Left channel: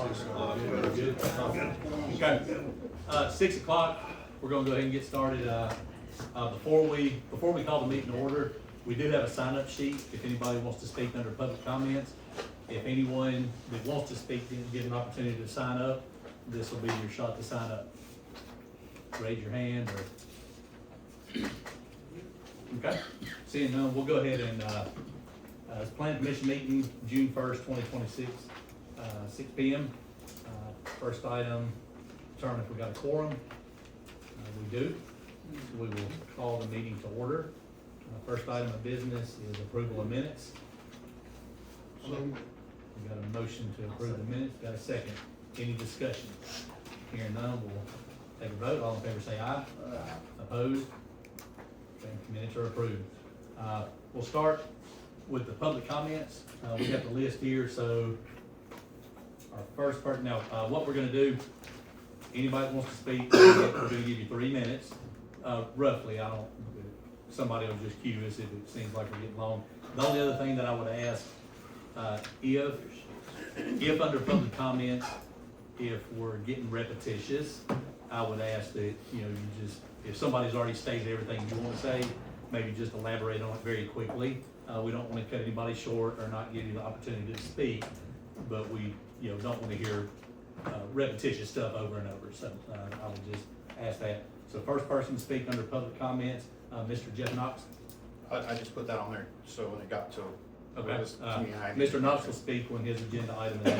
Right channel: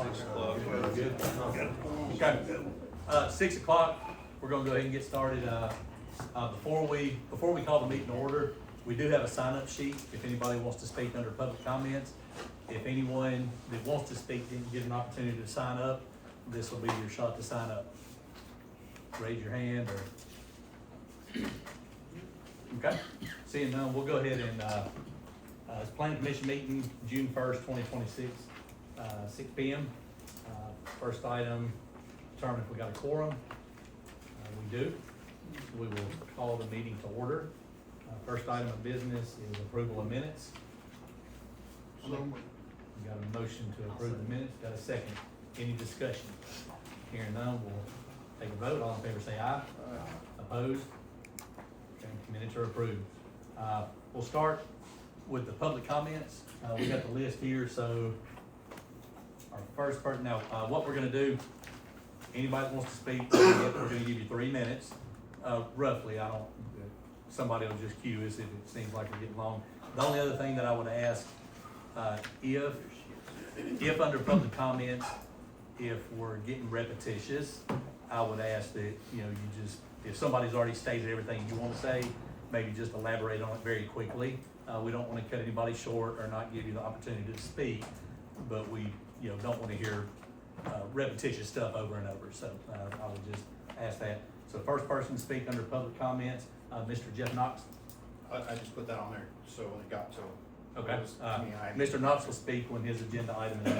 Good. Okay. 6 o'clock, we're gonna go ahead and get started. Before we call the meeting to order, we do have a sign-up sheet if anybody wants to speak under public comments. If anyone that wants to speak didn't get an opportunity to sign up, this will be your shot to sign up. Raise your hand or. Okay, seeing none, we'll go ahead and, it's Planning Commission meeting, June 1st, 2026, 6 p.m. First item, determine if we got a quorum. We do. We will call the meeting to order. First item of business is approval of minutes. We got a motion to approve the minutes. Got a second. Any discussion? Hearing none, we'll take a vote. All in favor say aye. Opposed? Okay, minutes are approved. We'll start with the public comments. We got the list here, so our first person, now, what we're gonna do, anybody that wants to speak, we're gonna give you 3 minutes, roughly. Somebody will just cue us if it seems like we're getting long. The only other thing that I would ask, if under public comments, if we're getting repetitious, I would ask that, you just, if somebody's already stated everything you want to say, maybe just elaborate on it very quickly. We don't want to cut anybody short or not give you the opportunity to speak, but we, don't want to hear repetitious stuff over and over. So I would just ask that. So first person to speak under public comments, Mr. Jeff Knox. I just put that on there, so when it got to him. Okay. Mr. Knox will speak when his agenda item is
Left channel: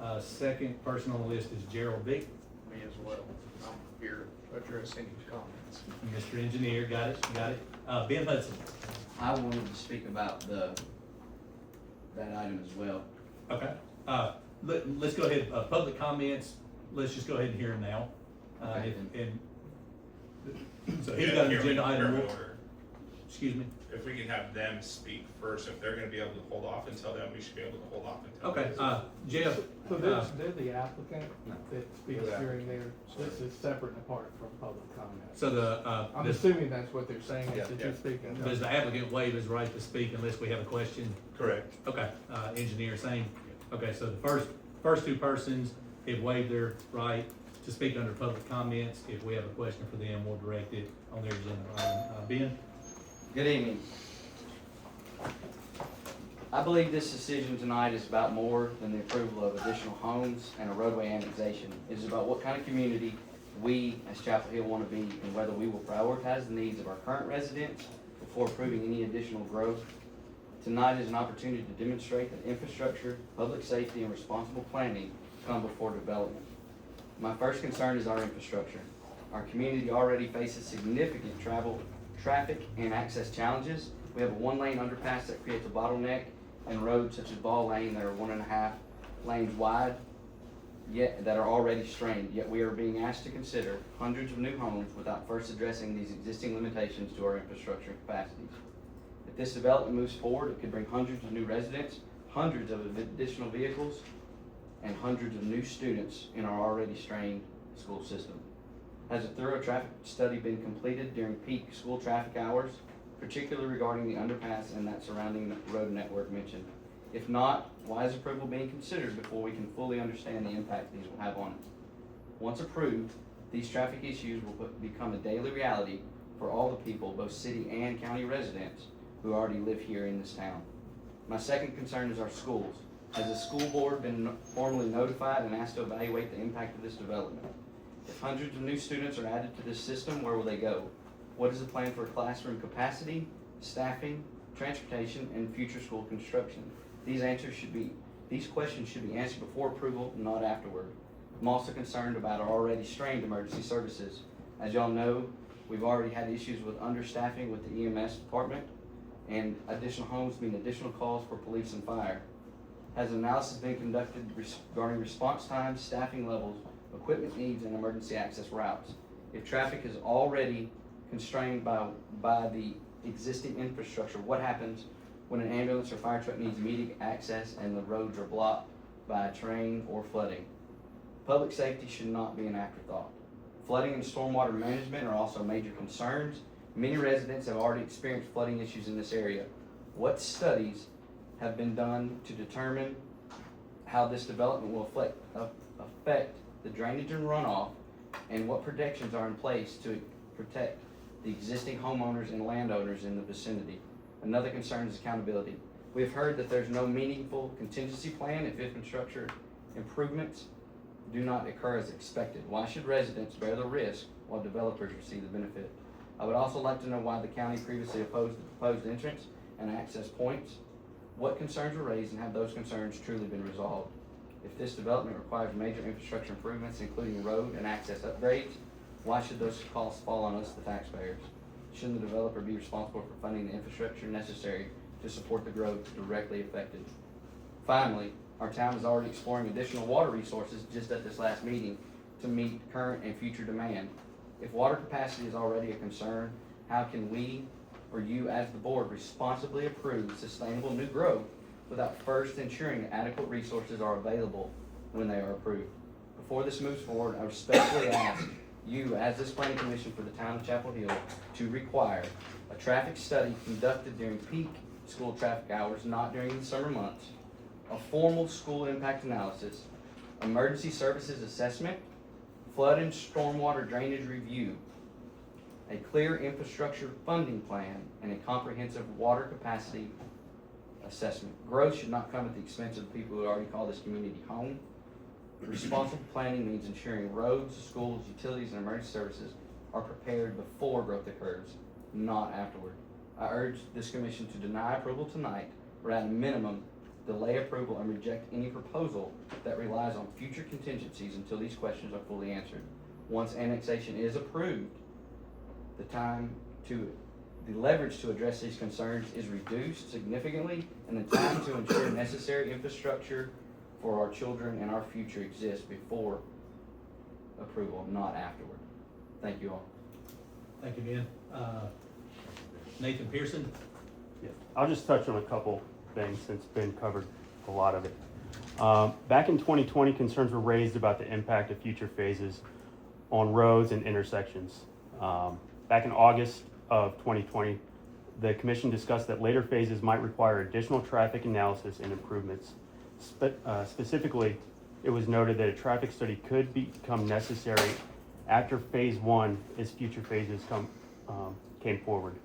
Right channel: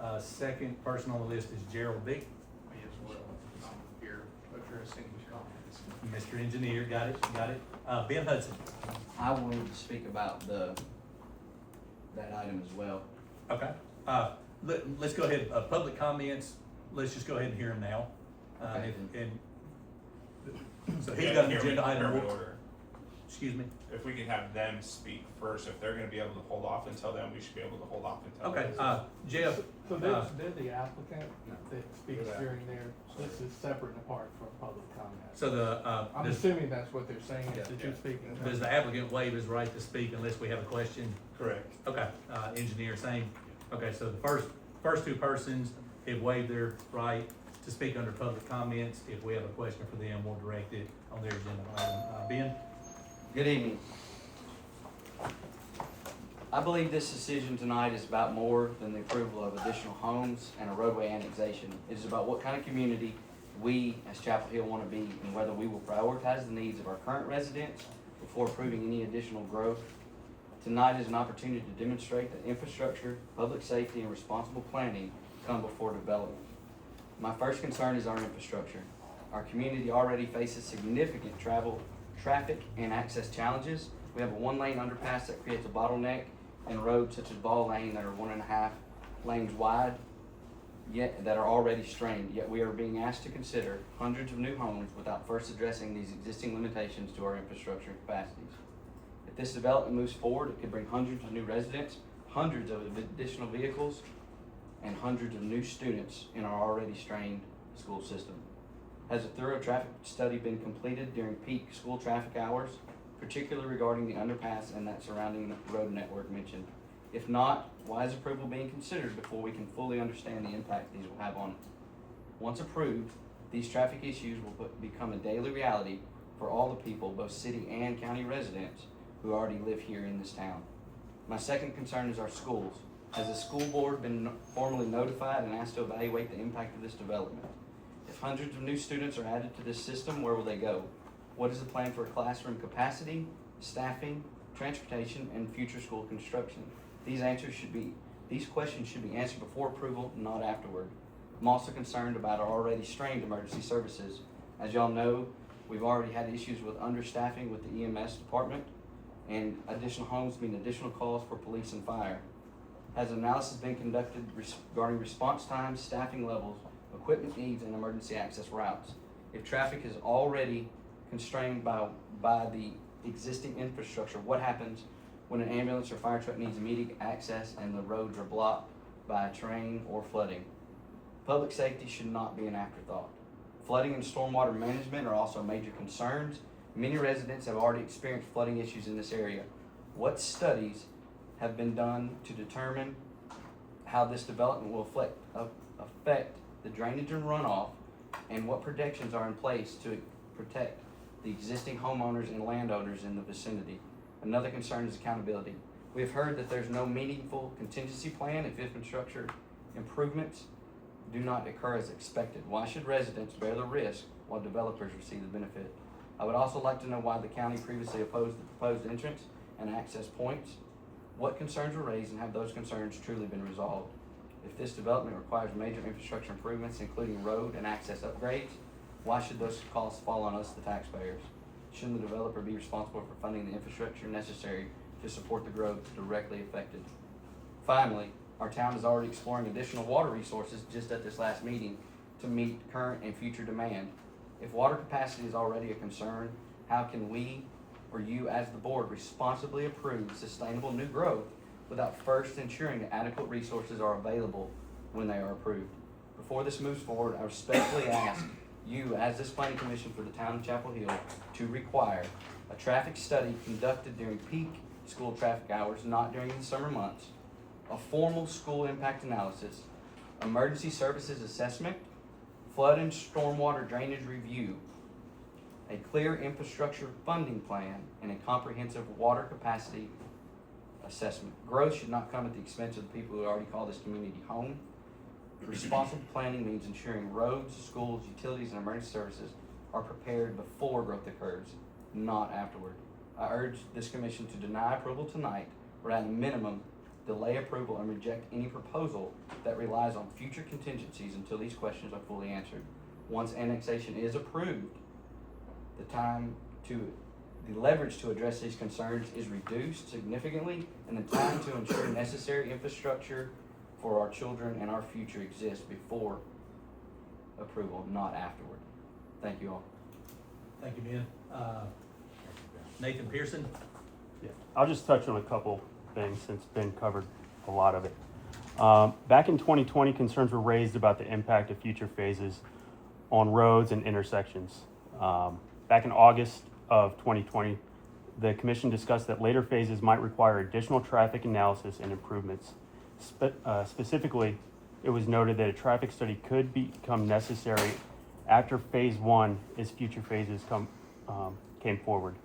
up. Second person on the list is Gerald Beek. Me as well. I'm here addressing comments. Mr. Engineer, got it. Ben Hudson. I wanted to speak about that item as well. Okay. Let's go ahead. Public comments. Let's just go ahead and hear them now. Okay. So he's got an agenda item. Excuse me. If we can have them speak first, if they're gonna be able to hold off until then, we should be able to hold off until. Okay. then. Jeff. So they're the applicant that speaks during their, this is separate and apart from public comment. So I'm assuming that's what they're saying, is that you're speaking. does the applicant waive his right to speak unless we have a question? Correct. Okay. Engineer, same. Okay. So the first two persons have waived their right to speak under public comments. If we have a question for them, we'll direct it on their agenda item. Ben? Good evening. I believe this decision tonight is about more than the approval of additional homes and a roadway annexation. It is about what kind of community we as Chapel Hill want to be and whether we will prioritize the needs of our current residents before approving any additional growth. Tonight is an opportunity to demonstrate that infrastructure, public safety, and responsible planning come before development. My first concern is our infrastructure. Our community already faces significant traffic and access challenges. We have a 1-lane underpass that creates a bottleneck in roads such as Ball Lane that are 1.5 lanes wide, yet that are already strained. Yet we are being asked to consider hundreds of new homes without first addressing these existing limitations to our infrastructure capacities. If this development moves forward, it could bring hundreds of new residents, hundreds of additional vehicles, and hundreds of new students in our already strained school system. Has a thorough traffic study been completed during peak school traffic hours, particularly regarding the underpass and that surrounding road network mentioned? If not, why is approval being considered before we can fully understand the impact these will have on it? Once approved, these traffic issues will become a daily reality for all the people, both city and county residents, who already live here in this town. My second concern is our schools. Has the school board been formally notified and asked to evaluate the impact of this development? If hundreds of new students are added to this system, where will they go? What is the plan for classroom capacity, staffing, transportation, and future school construction? These questions should be answered before approval, not afterward. I'm also concerned about our already strained emergency services. As y'all know, we've already had issues with understaffing with the EMS department, and additional homes mean additional calls for police and fire. Has analysis been conducted regarding response times, staffing levels, equipment needs, and emergency access routes? If traffic is already constrained by the existing infrastructure, what happens when an ambulance or fire truck needs immediate access and the roads are blocked by a train or flooding? Public safety should not be an afterthought. Flooding and stormwater management are also major concerns. Many residents have already experienced flooding issues in this area. What studies have been done to determine how how this development will affect the drainage and runoff, and what protections are in place to protect the existing homeowners and landowners in the vicinity. Another concern is accountability. We have heard that there's no meaningful contingency plan if infrastructure improvements do not occur as expected. Why should residents bear the risk while developers receive the benefit? I would also like to know why the county previously opposed the proposed entrance and access points. What concerns were raised and have those concerns truly been resolved? If this development requires major infrastructure improvements, including road and access upgrades, why should those costs fall on us, the taxpayers? Shouldn't the developer be responsible for funding the infrastructure necessary to support the growth directly affected? Finally, our town is already exploring additional water resources just at this last meeting to meet current and future demand. If water capacity is already a concern, how can we, or you as the board, responsibly approve sustainable new growth without first ensuring that adequate resources are available when they are approved? Before this moves forward, I respectfully ask you, as this planning commission for the town of Chapel Hill, to require a traffic study conducted during peak school traffic hours, not during the summer months, a formal school impact analysis, emergency services assessment, flood and stormwater drainage review, a clear infrastructure funding plan, and a comprehensive water capacity assessment. Growth should not come at the expense of the people who already call this community home. Responsible planning means ensuring roads, schools, utilities, and emergency services are prepared before growth occurs, not afterward. I urge this commission to deny approval tonight, or at a minimum, delay approval and reject any proposal that relies on future contingencies until these questions are fully answered. Once annexation is approved, the leverage to address these concerns is reduced significantly, and the time to ensure necessary infrastructure for our children and our future exists before approval, not afterward. Thank you all. Thank you, Ben. Nathan Pearson? Yeah, I'll just touch on a couple things since Ben covered a lot of it. Back in 2020, concerns were raised about the impact of future phases on roads and intersections. Back in August of 2020, the commission discussed that later phases might require additional traffic analysis and improvements. Specifically, it was noted that a traffic study could become necessary after phase one as future phases came forward.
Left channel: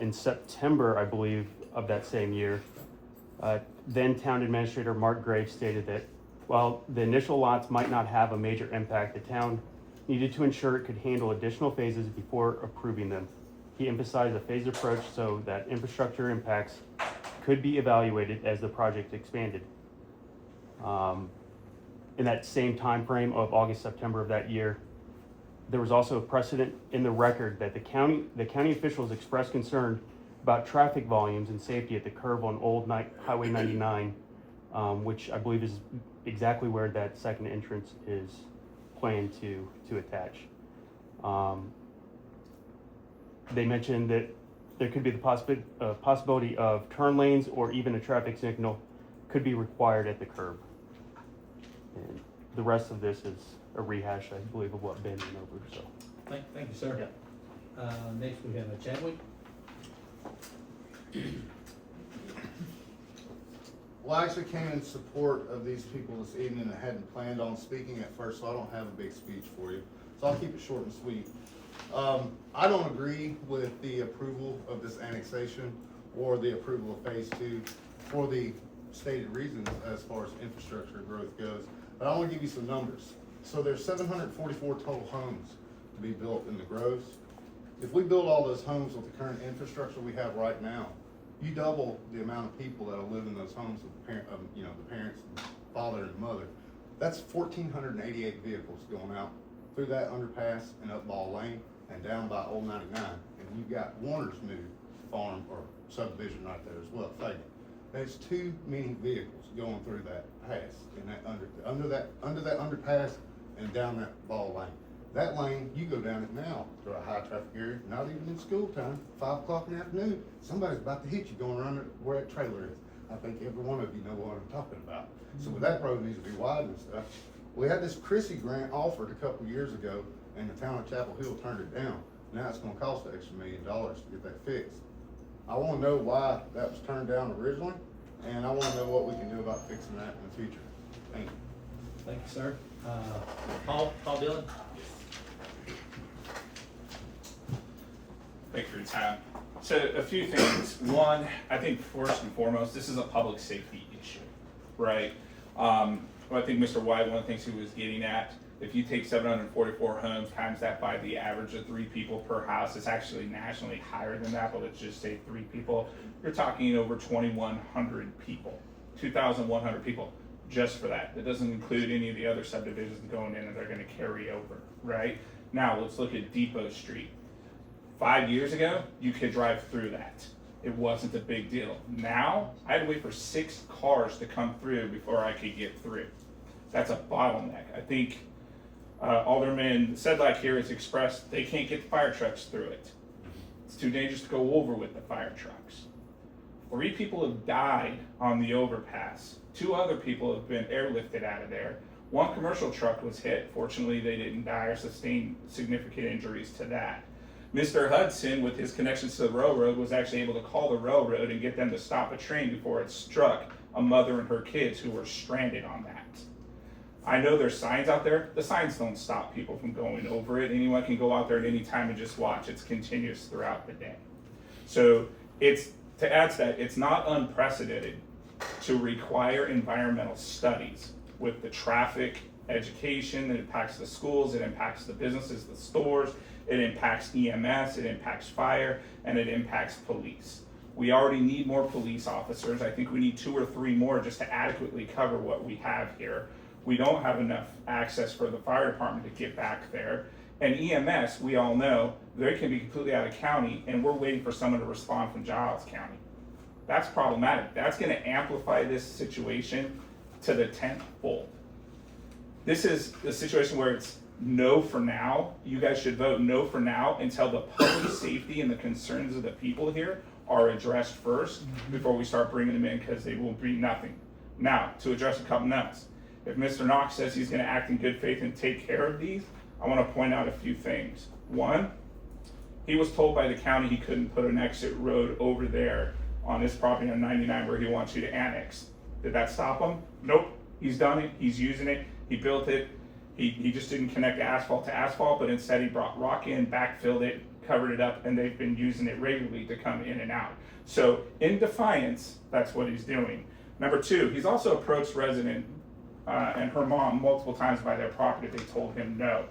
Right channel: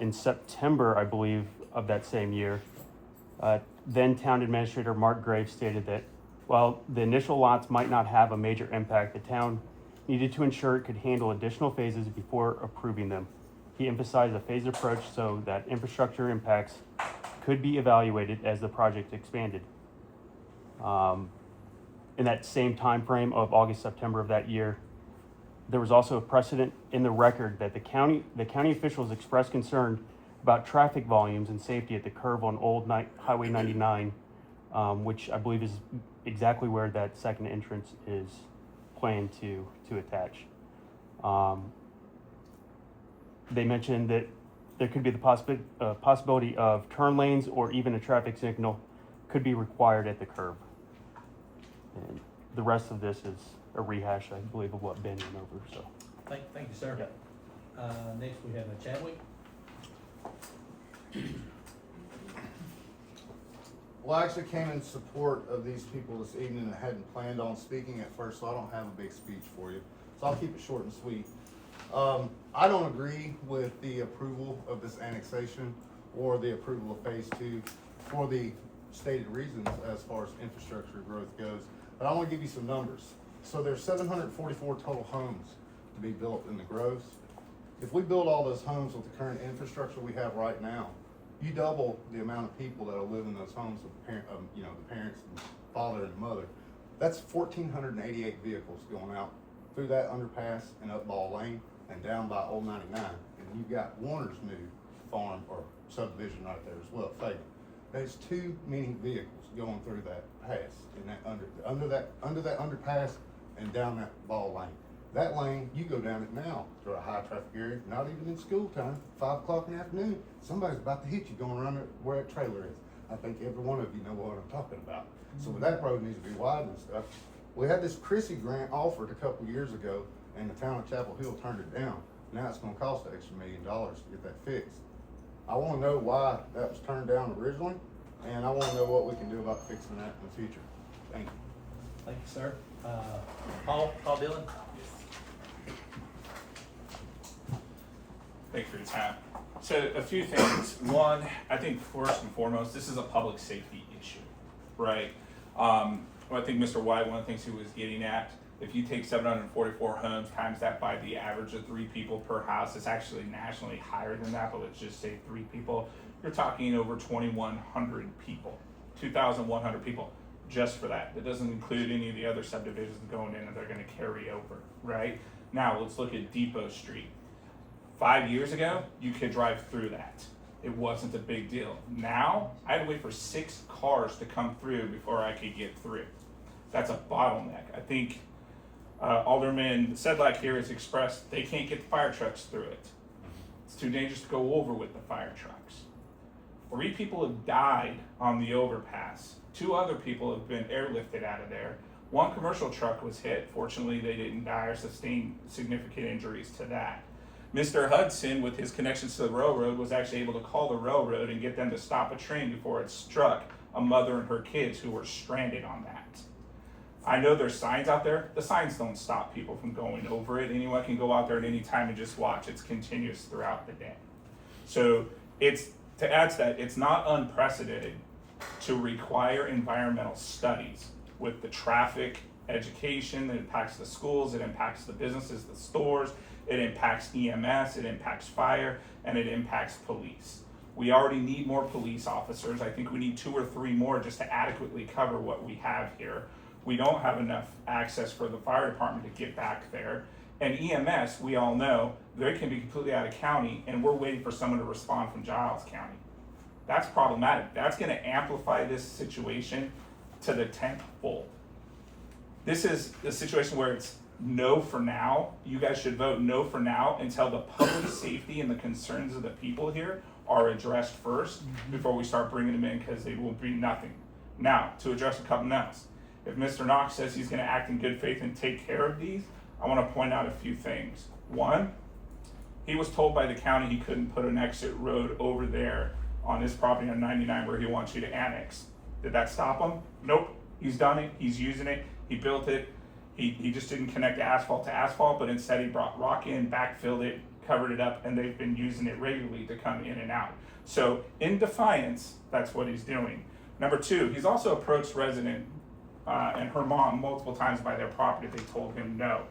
In September, I believe, of that same year, then Town Administrator Mark Graves stated that while the initial lots might not have a major impact, the town needed to ensure it could handle additional phases before approving them. He emphasized a phased approach so that infrastructure impacts could be evaluated as the project expanded. In that same time frame of August, September of that year, there was also a precedent in the record that the county officials expressed concern about traffic volumes and safety at the curve on Old Highway 99, which I believe is exactly where that second entrance is planned to attach. They mentioned that there could be the possibility of turn lanes or even a traffic signal could be required at the curve. And the rest of this is a rehash, I believe, of what Ben went over. So, Thank you, sir. Yep. Next we have Chadwick. Well, I actually came in support of these people this evening. I hadn't planned on speaking at first, so I don't have a big speech for you. So I'll keep it short and sweet. I don't agree with the approval of this annexation or the approval of phase two for the stated reasons as far as infrastructure growth goes. But I want to give you some numbers. So there's 744 total homes to be built in the groves. If we build all those homes with the current infrastructure we have right now, you double the amount of people that will live in those homes with the parents and father and mother. That's 1,488 vehicles going out through that underpass and up Ball Lane and down by Old 99. And you've got Warner's new farm or subdivision right there as well, Fagan. There's too many vehicles going through that pass and that under that underpass and down that Ball Lane. That lane, you go down it now to a high traffic area, not even in school time, 5 o'clock in the afternoon, somebody's about to hit you going around where that trailer is. I think every one of you know what I'm talking about. So that road needs to be widened and stuff. We had this Chrissy grant offered a couple years ago and the town of Chapel Hill turned it down. Now it's gonna cost an extra $1 million to get that fixed. I wanna know why that was turned down originally and I wanna know what we can do about fixing that in the future. Thank you. Thank you, sir. Paul Dillon? Thank you for your time. So a few things. One, I think first and foremost, this is a public safety issue, right? Well, I think Mr. White, one of the things he was getting at, if you take 744 homes, times that by the average of 3 people per house, it's actually nationally higher than that, but let's just say 3 people. You're talking over 2,100 people, 2,100 people just for that. That doesn't include any of the other subdivisions going in that they're gonna carry over, right? Now, let's look at Depot Street. 5 years ago, you could drive through that. It wasn't a big deal. Now, I had to wait for 6 cars to come through before I could get through. That's a bottleneck. I think Alderman Sedlak here has expressed they can't get the fire trucks through it. It's too dangerous to go over with the fire trucks. 3 people have died on the overpass. 2 other people have been airlifted out of there. 1 commercial truck was hit. Fortunately, they didn't die or sustain significant injuries to that. Mr. Hudson, with his connections to the railroad, was actually able to call the railroad and get them to stop a train before it struck a mother and her kids who were stranded on that. I know there's signs out there. The signs don't stop people from going over it. Anyone can go out there at any time and just watch. It's continuous throughout the day. So it's, to add to that, it's not unprecedented to require environmental studies with the traffic, education that impacts the schools, it impacts the businesses, the stores, it impacts EMS, it impacts fire, and it impacts police. We already need more police officers. I think we need 2 or 3 more just to adequately cover what we have here. We don't have enough access for the fire department to get back there. And EMS, we all know, they can be completely out of county, and we're waiting for someone to respond from Giles County. That's problematic. That's gonna amplify this situation to the 10th fold. This is a situation where it's no for now. You guys should vote no for now until the public safety and the concerns of the people here are addressed first before we start bringing them in, because they will be nothing. Now, to address a couple else. If Mr. Knox says he's gonna act in good faith and take care of these, I wanna point out a few things. One, he was told by the county he couldn't put an exit road over there on his property on 99 where he wants you to annex. Did that stop him? Nope. He's done it, he's using it, he built it. He just didn't connect asphalt to asphalt, but instead he brought rock in, backfilled it, covered it up, and they've been using it regularly to come in and out. So in defiance, that's what he's doing. Number 2, he's also approached resident and her mom multiple times by their property. They told him no.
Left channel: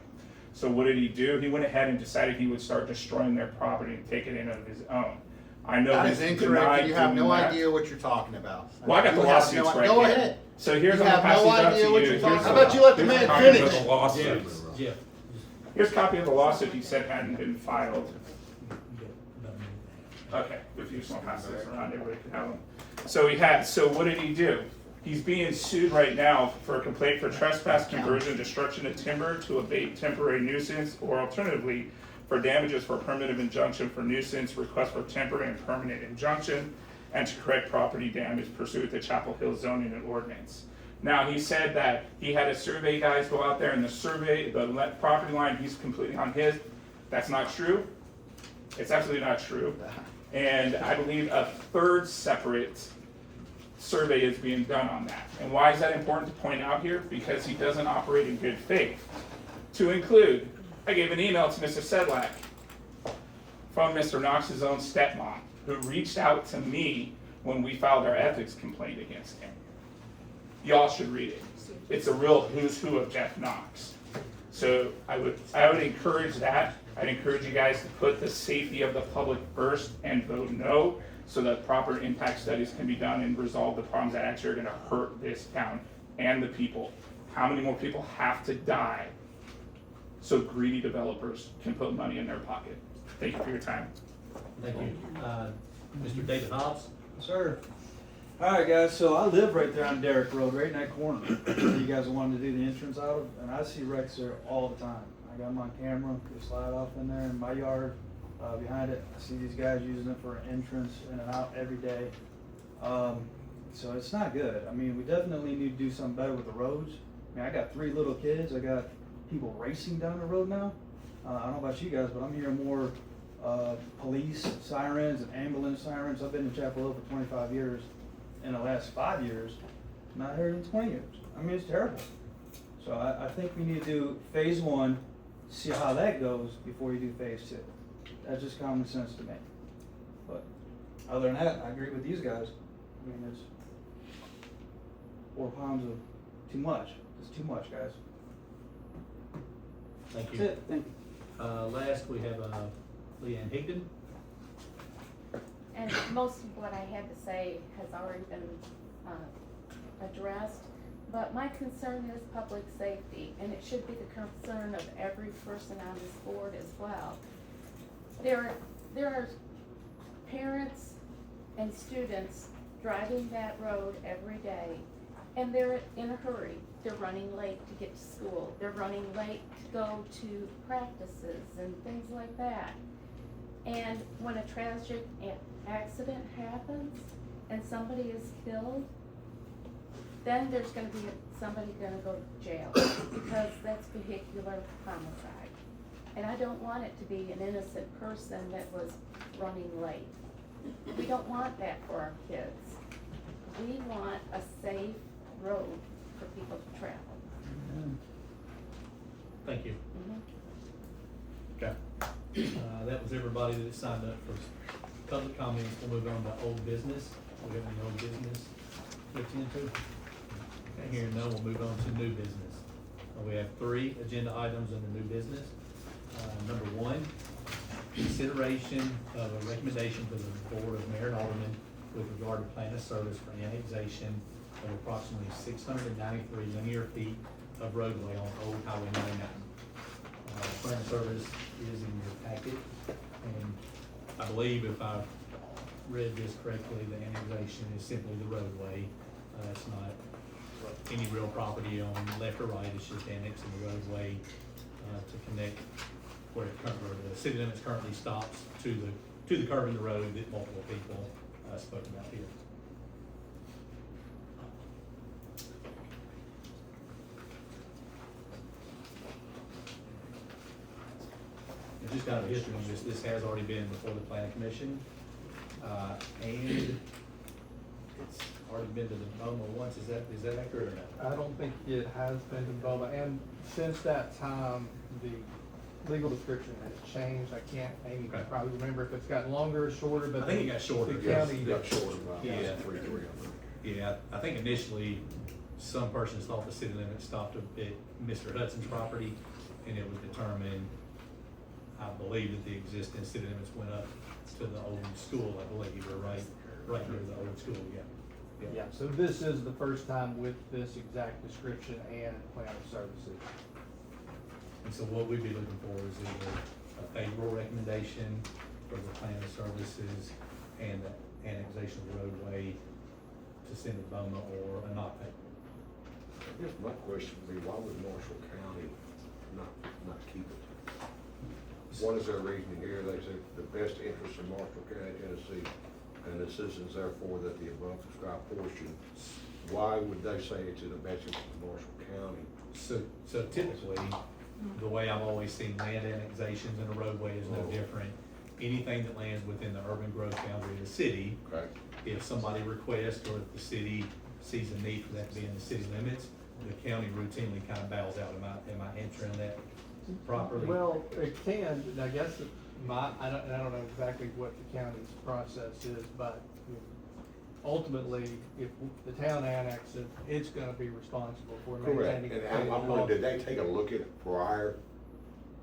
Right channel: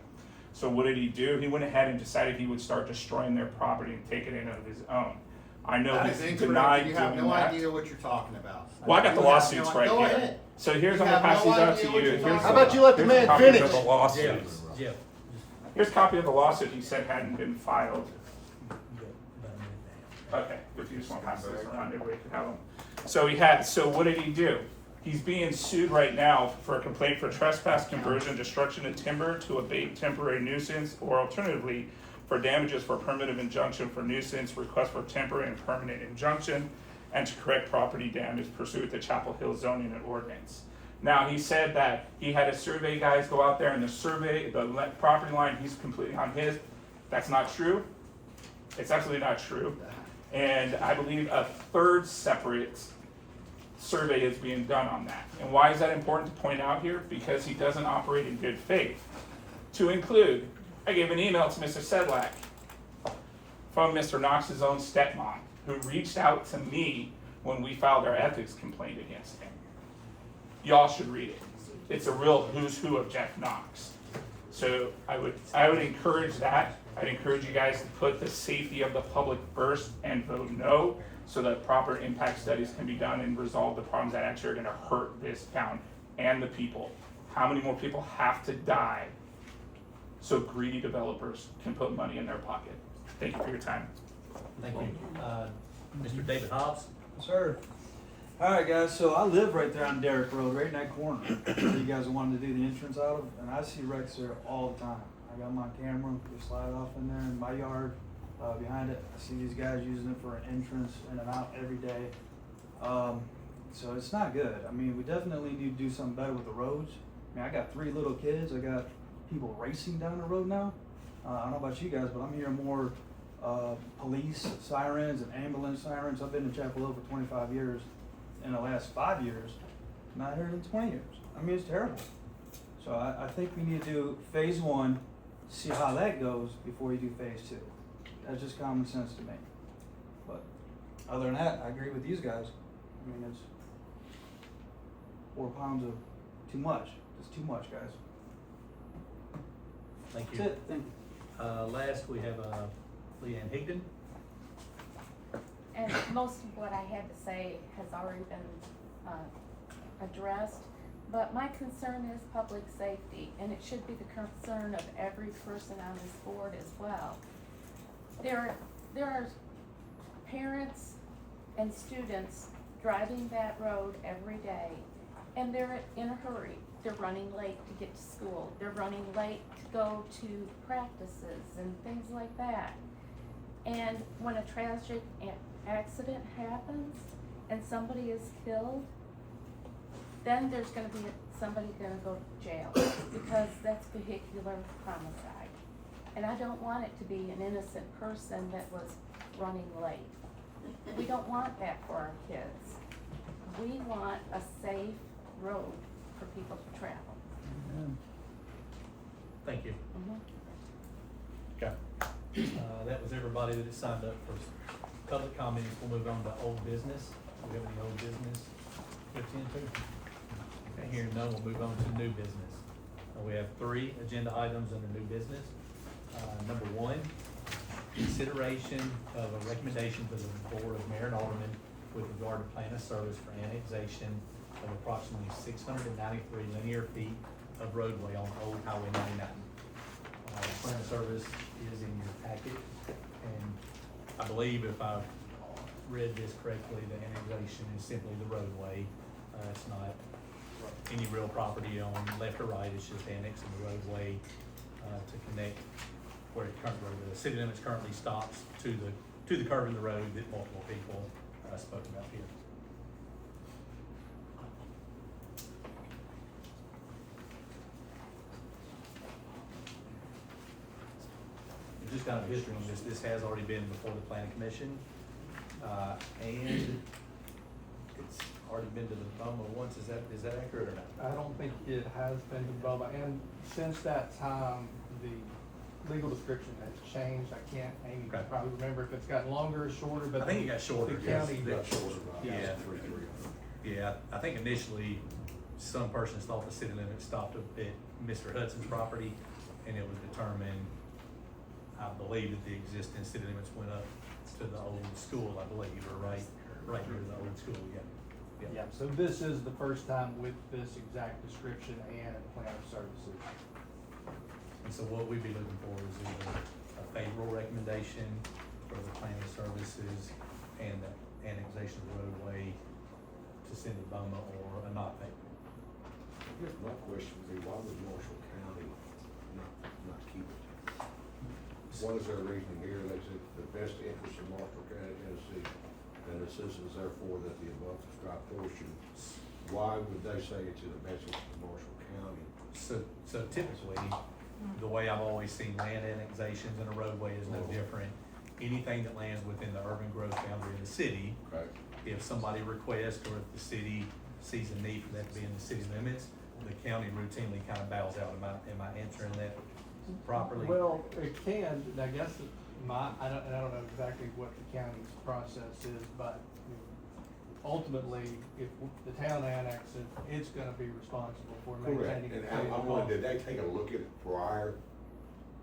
So what did he do? He went ahead and decided he would start destroying their property and take it in of his own. I know That he's is denied incorrect. You have doing no that. idea what you're talking about. Well, I got the You have lawsuits no- right Go here. ahead. So here's, You I'm have gonna pass no these out idea to what you. you're Here's talking How about you let the here's a man copy finish? of the lawsuit. Jeff. Here's a copy of the lawsuit he said hadn't been filed. Okay, if you just want to pass those around, everybody can have them. So what did he do? He's being sued right now for a complaint for trespass, conversion, destruction of timber to abate temporary nuisance, or alternatively, for damages for permanent injunction for nuisance, request for temporary and permanent injunction, and to correct property damage pursuant to Chapel Hill zoning and ordinance. Now, he said that he had his survey guys go out there and the survey, the property line, he's completely on his. That's not true. It's absolutely not true. And I believe a 3rd separate survey is being done on that. And why is that important to point out here? Because he doesn't operate in good faith. To include, I gave an email to Mr. Sedlak from Mr. Knox's own stepmom, who reached out to me when we filed our ethics complaint against him. Y'all should read it. It's a real who's who of Jeff Knox. So I would encourage that. I'd encourage you guys to put the safety of the public first and vote no, so that proper impact studies can be done and resolve the problems that actually are gonna hurt this town and the people. How many more people have to die so greedy developers can put money in their pocket? Thank you for your time. Thank you. Mr. David Hobbs? Sir. All right, guys, so I live right there on Derrick Road, right in that corner. You guys wanted to do the entrance out of, and I see wrecks there all the time. I got my camera, they slide off in there in my yard, behind it. I see these guys using it for an entrance in and out every day. So it's not good. I mean, we definitely need to do something better with the roads. I mean, I got 3 little kids. I got people racing down the road now. I don't know about you guys, but I'm hearing more police sirens and ambulance sirens. I've been in Chapel Hill for 25 years, in the last 5 years, not heard in 20 years. I mean, it's terrible. So I think we need to do phase one, see how that goes before you do phase two. That's just common sense to me. But other than that, I agree with these guys. I mean, it's 4 pounds of too much. It's too much, guys. Thank That's you. it. Thank you. Last, we have, Leanne Higdon. And most of what I had to say has already been, addressed, but my concern is public safety, and it should be the concern of every person on this board as well. There are parents and students driving that road every day, and they're in a hurry. They're running late to get to school. They're running late to go to practices and things like that. And when a tragic accident happens and somebody is killed, then there's gonna be somebody gonna go to jail because that's vehicular homicide. And I don't want it to be an innocent person that was running late. We don't want that for our kids. We want a safe road for people to travel. Thank you. Mhm. Okay. That was everybody that signed up for public comments. We'll move on to old business. We have any old business to attend to? Okay, hearing none, we'll move on to new business. We have 3 agenda items under new business. Number 1, consideration of a recommendation to the Board of Mayor and Aldermen with regard to plan of service for annexation of approximately 693 linear feet of roadway on Old Highway 99. Plan of service is in your packet, and I believe if I've read this correctly, the annexation is simply the roadway. It's not any real property on left or right, it's just annexing the roadway to connect where the city limits currently stops to the curve in the road that multiple people spoke about here. Just kind of a history on this, this has already been before the planning commission, and it's already been to the BOMA once, is that accurate or not? I don't think it has been to BOMA, and since that time, the legal description has changed. Amy can Okay. probably remember if it's gotten longer or shorter, but. I think it got shorter. The county. Yeah. Yeah, I think initially, some persons thought the city limit stopped at Mr. Hudson's property, and it was determined, I believe that the existing city limits went up to the old school, I believe, or right near the old school, yeah. Yeah, so this is the first time with this exact description and plan of services. And so what we'd be looking for is either a favorable recommendation for the plan of services and the annexation of the roadway to send to BOMA, or a not favorable. I guess my question would be, why would Marshall County not keep it? What is their reasoning here? They say the best interest in Marshall County, Tennessee, and the citizens therefore that the above described portion, why would they say it's in the best interest of Marshall County? So typically, the way I've always seen land annexations in a roadway is no different. Anything that lands within the urban growth boundary of the city, Okay. if somebody requests or if the city sees a need for that to be in the city limits, the county routinely kind of bows out. Am I answering that properly? Well, it can, and I guess I don't know exactly what the county's process is, but ultimately, if the town annexes, it's gonna be responsible for Correct. maintaining. And I'm wondering, did they take a look at it prior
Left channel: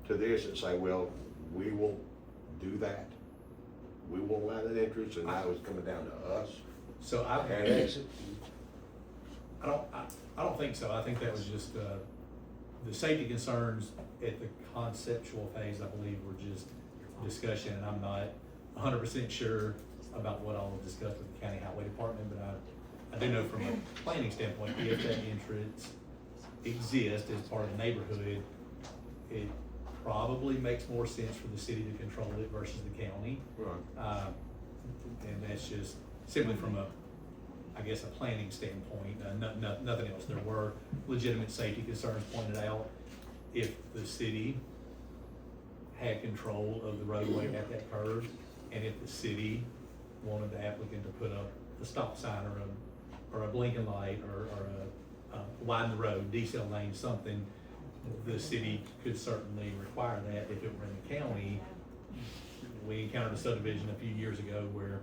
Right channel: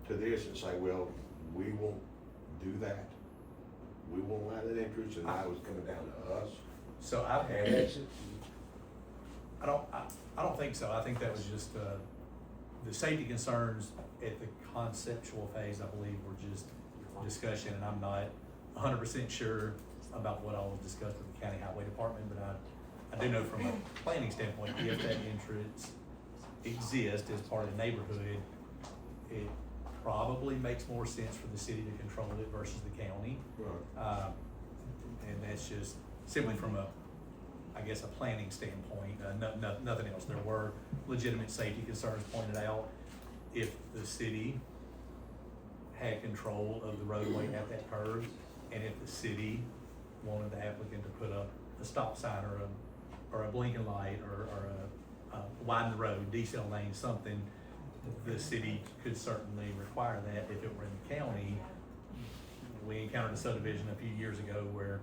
to this and say, well, we will do that? We won't allow that interest, and now it's coming down to us? So I don't think so. I think that was just, the safety concerns at the conceptual phase, I believe, were just discussion, and I'm not 100% sure about what all was discussed with the county highway department, but I do know from a planning standpoint, if that entrance exists as part of the neighborhood, it probably makes more sense for the city to control it versus the county. Right. And that's just simply from a planning standpoint, nothing else. There were legitimate safety concerns pointed out. If the city had control of the roadway at that curve, and if the city wanted the applicant to put up a stop sign or or a blinking light, or widen the road, decel lane, something, the city could certainly require that if it were in the county. We encountered a subdivision a few years ago where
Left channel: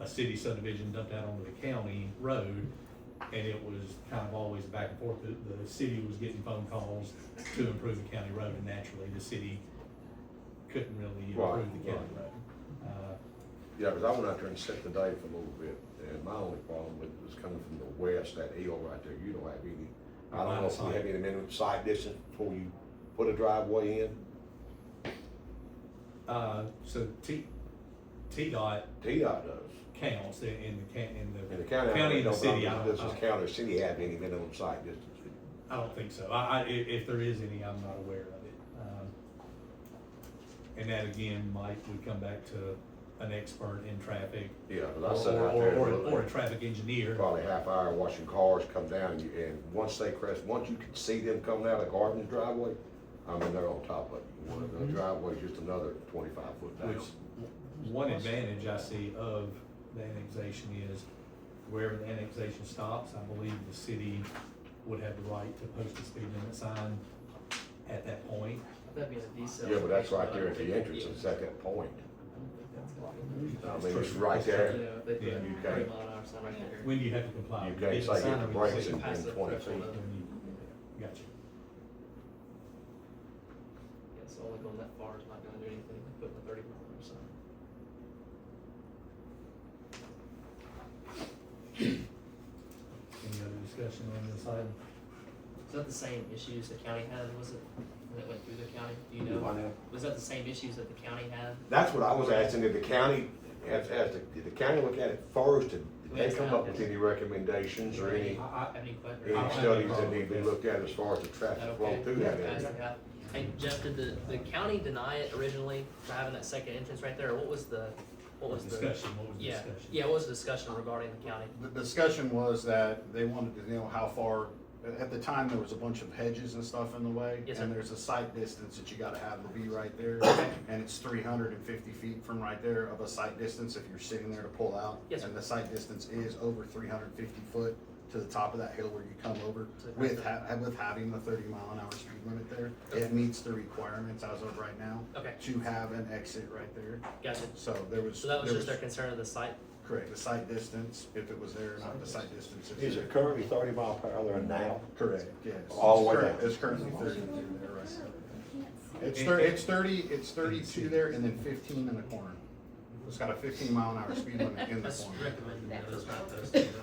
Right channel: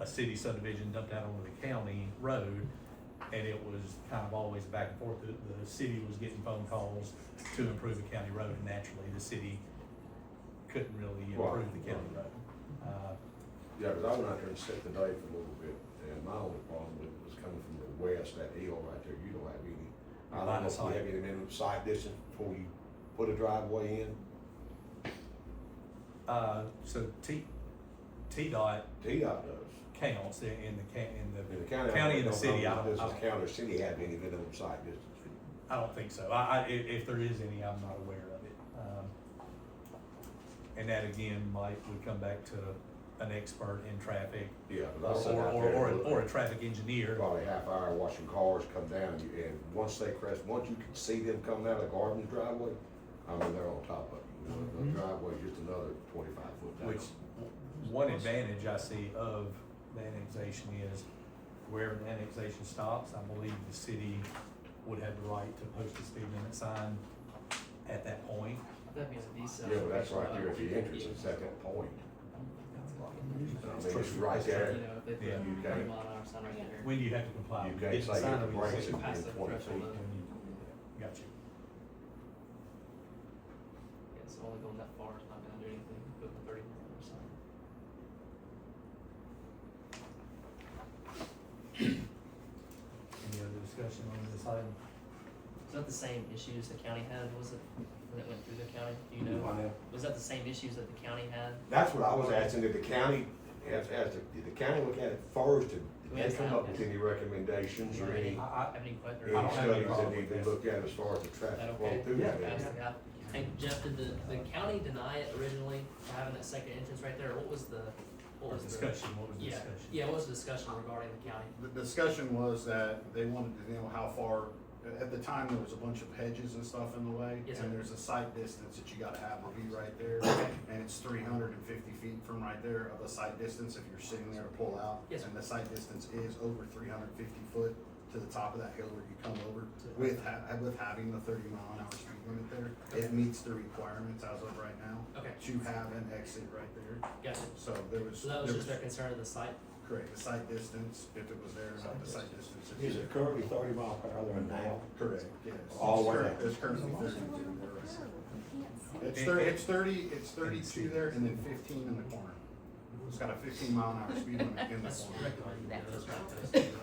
a city subdivision dumped out onto the county road, and it was kind of always back and forth. The city was getting phone calls to improve the county road, and naturally, the city couldn't really improve the county road. Yeah, because I went out there and set the day for a little bit, and my only problem with it was coming from the west, that hill right there, you don't have any, I don't know if you have any minimum sight distance before you put a driveway in. So TDOT TDOT does. counts in In the the county. county and the city. Does this county or city have any minimum sight distance? I don't think so. If there is any, I'm not aware of it. And that again, would come back to an expert in traffic. Yeah, because I sat out there. Or a traffic engineer. Probably a half hour watching cars come down, and once they crest, once you can see them coming out of Garden's driveway, I mean, they're on top of you. The driveway's just another 25 foot down. Which, one advantage I see of the annexation is wherever the annexation stops, I believe the city would have the right to post a speed limit sign at that point. That'd be a decel. Yeah, but that's right there at the entrance, it's at that point. I mean, it's right there. You know, they put Yeah, a you 30 can't- mile an hour sign right there. When do you have to comply? You With can't getting say the sign hit the or you brakes say- in Pass the 20 feet. threshold of- Got you. Yeah, so only going that far is not gonna do anything, putting a 30 mile an hour sign. Any other discussion on this item? Was that the same issues the county had, was it, when it went through the county, do you know? Was that the same issues that the county had? That's what I was asking, did the county, did the county look at it first, did they come up with any recommendations or any Have any questions? I don't have any studies that problem need with to be this. looked at as far as the traffic flow Okay. through that Yeah. area? Hey, Jeff, did the county deny it originally for having that second entrance right there, or what was the? Discussion, what was the Yeah, discussion? yeah, what was the discussion regarding the county? The discussion was that they wanted to know how far, at the time, there was a bunch of hedges and stuff in the way. Yes, sir. And there's a sight distance that you gotta have to be right there. And it's 350 feet from right there of a sight distance if you're sitting there to pull out. Yes, sir. And the sight distance is over 350 foot to the top of that hill where you come over with having the 30 mile an hour speed limit there. It meets the requirements as of right now. Okay. To have an exit right there. Gotcha. So there was. So that was there just their concern of the site? Correct, the sight distance, if it was there or not, the sight distance. if Is it currently 30 mile per hour there now? Correct, yes. All the way Correct. down? It's currently 32 there right now. It's 32 there and then 15 in the corner. It's got a 15 mile an hour speed limit in the That's corner. recommended, yeah, it's not posted.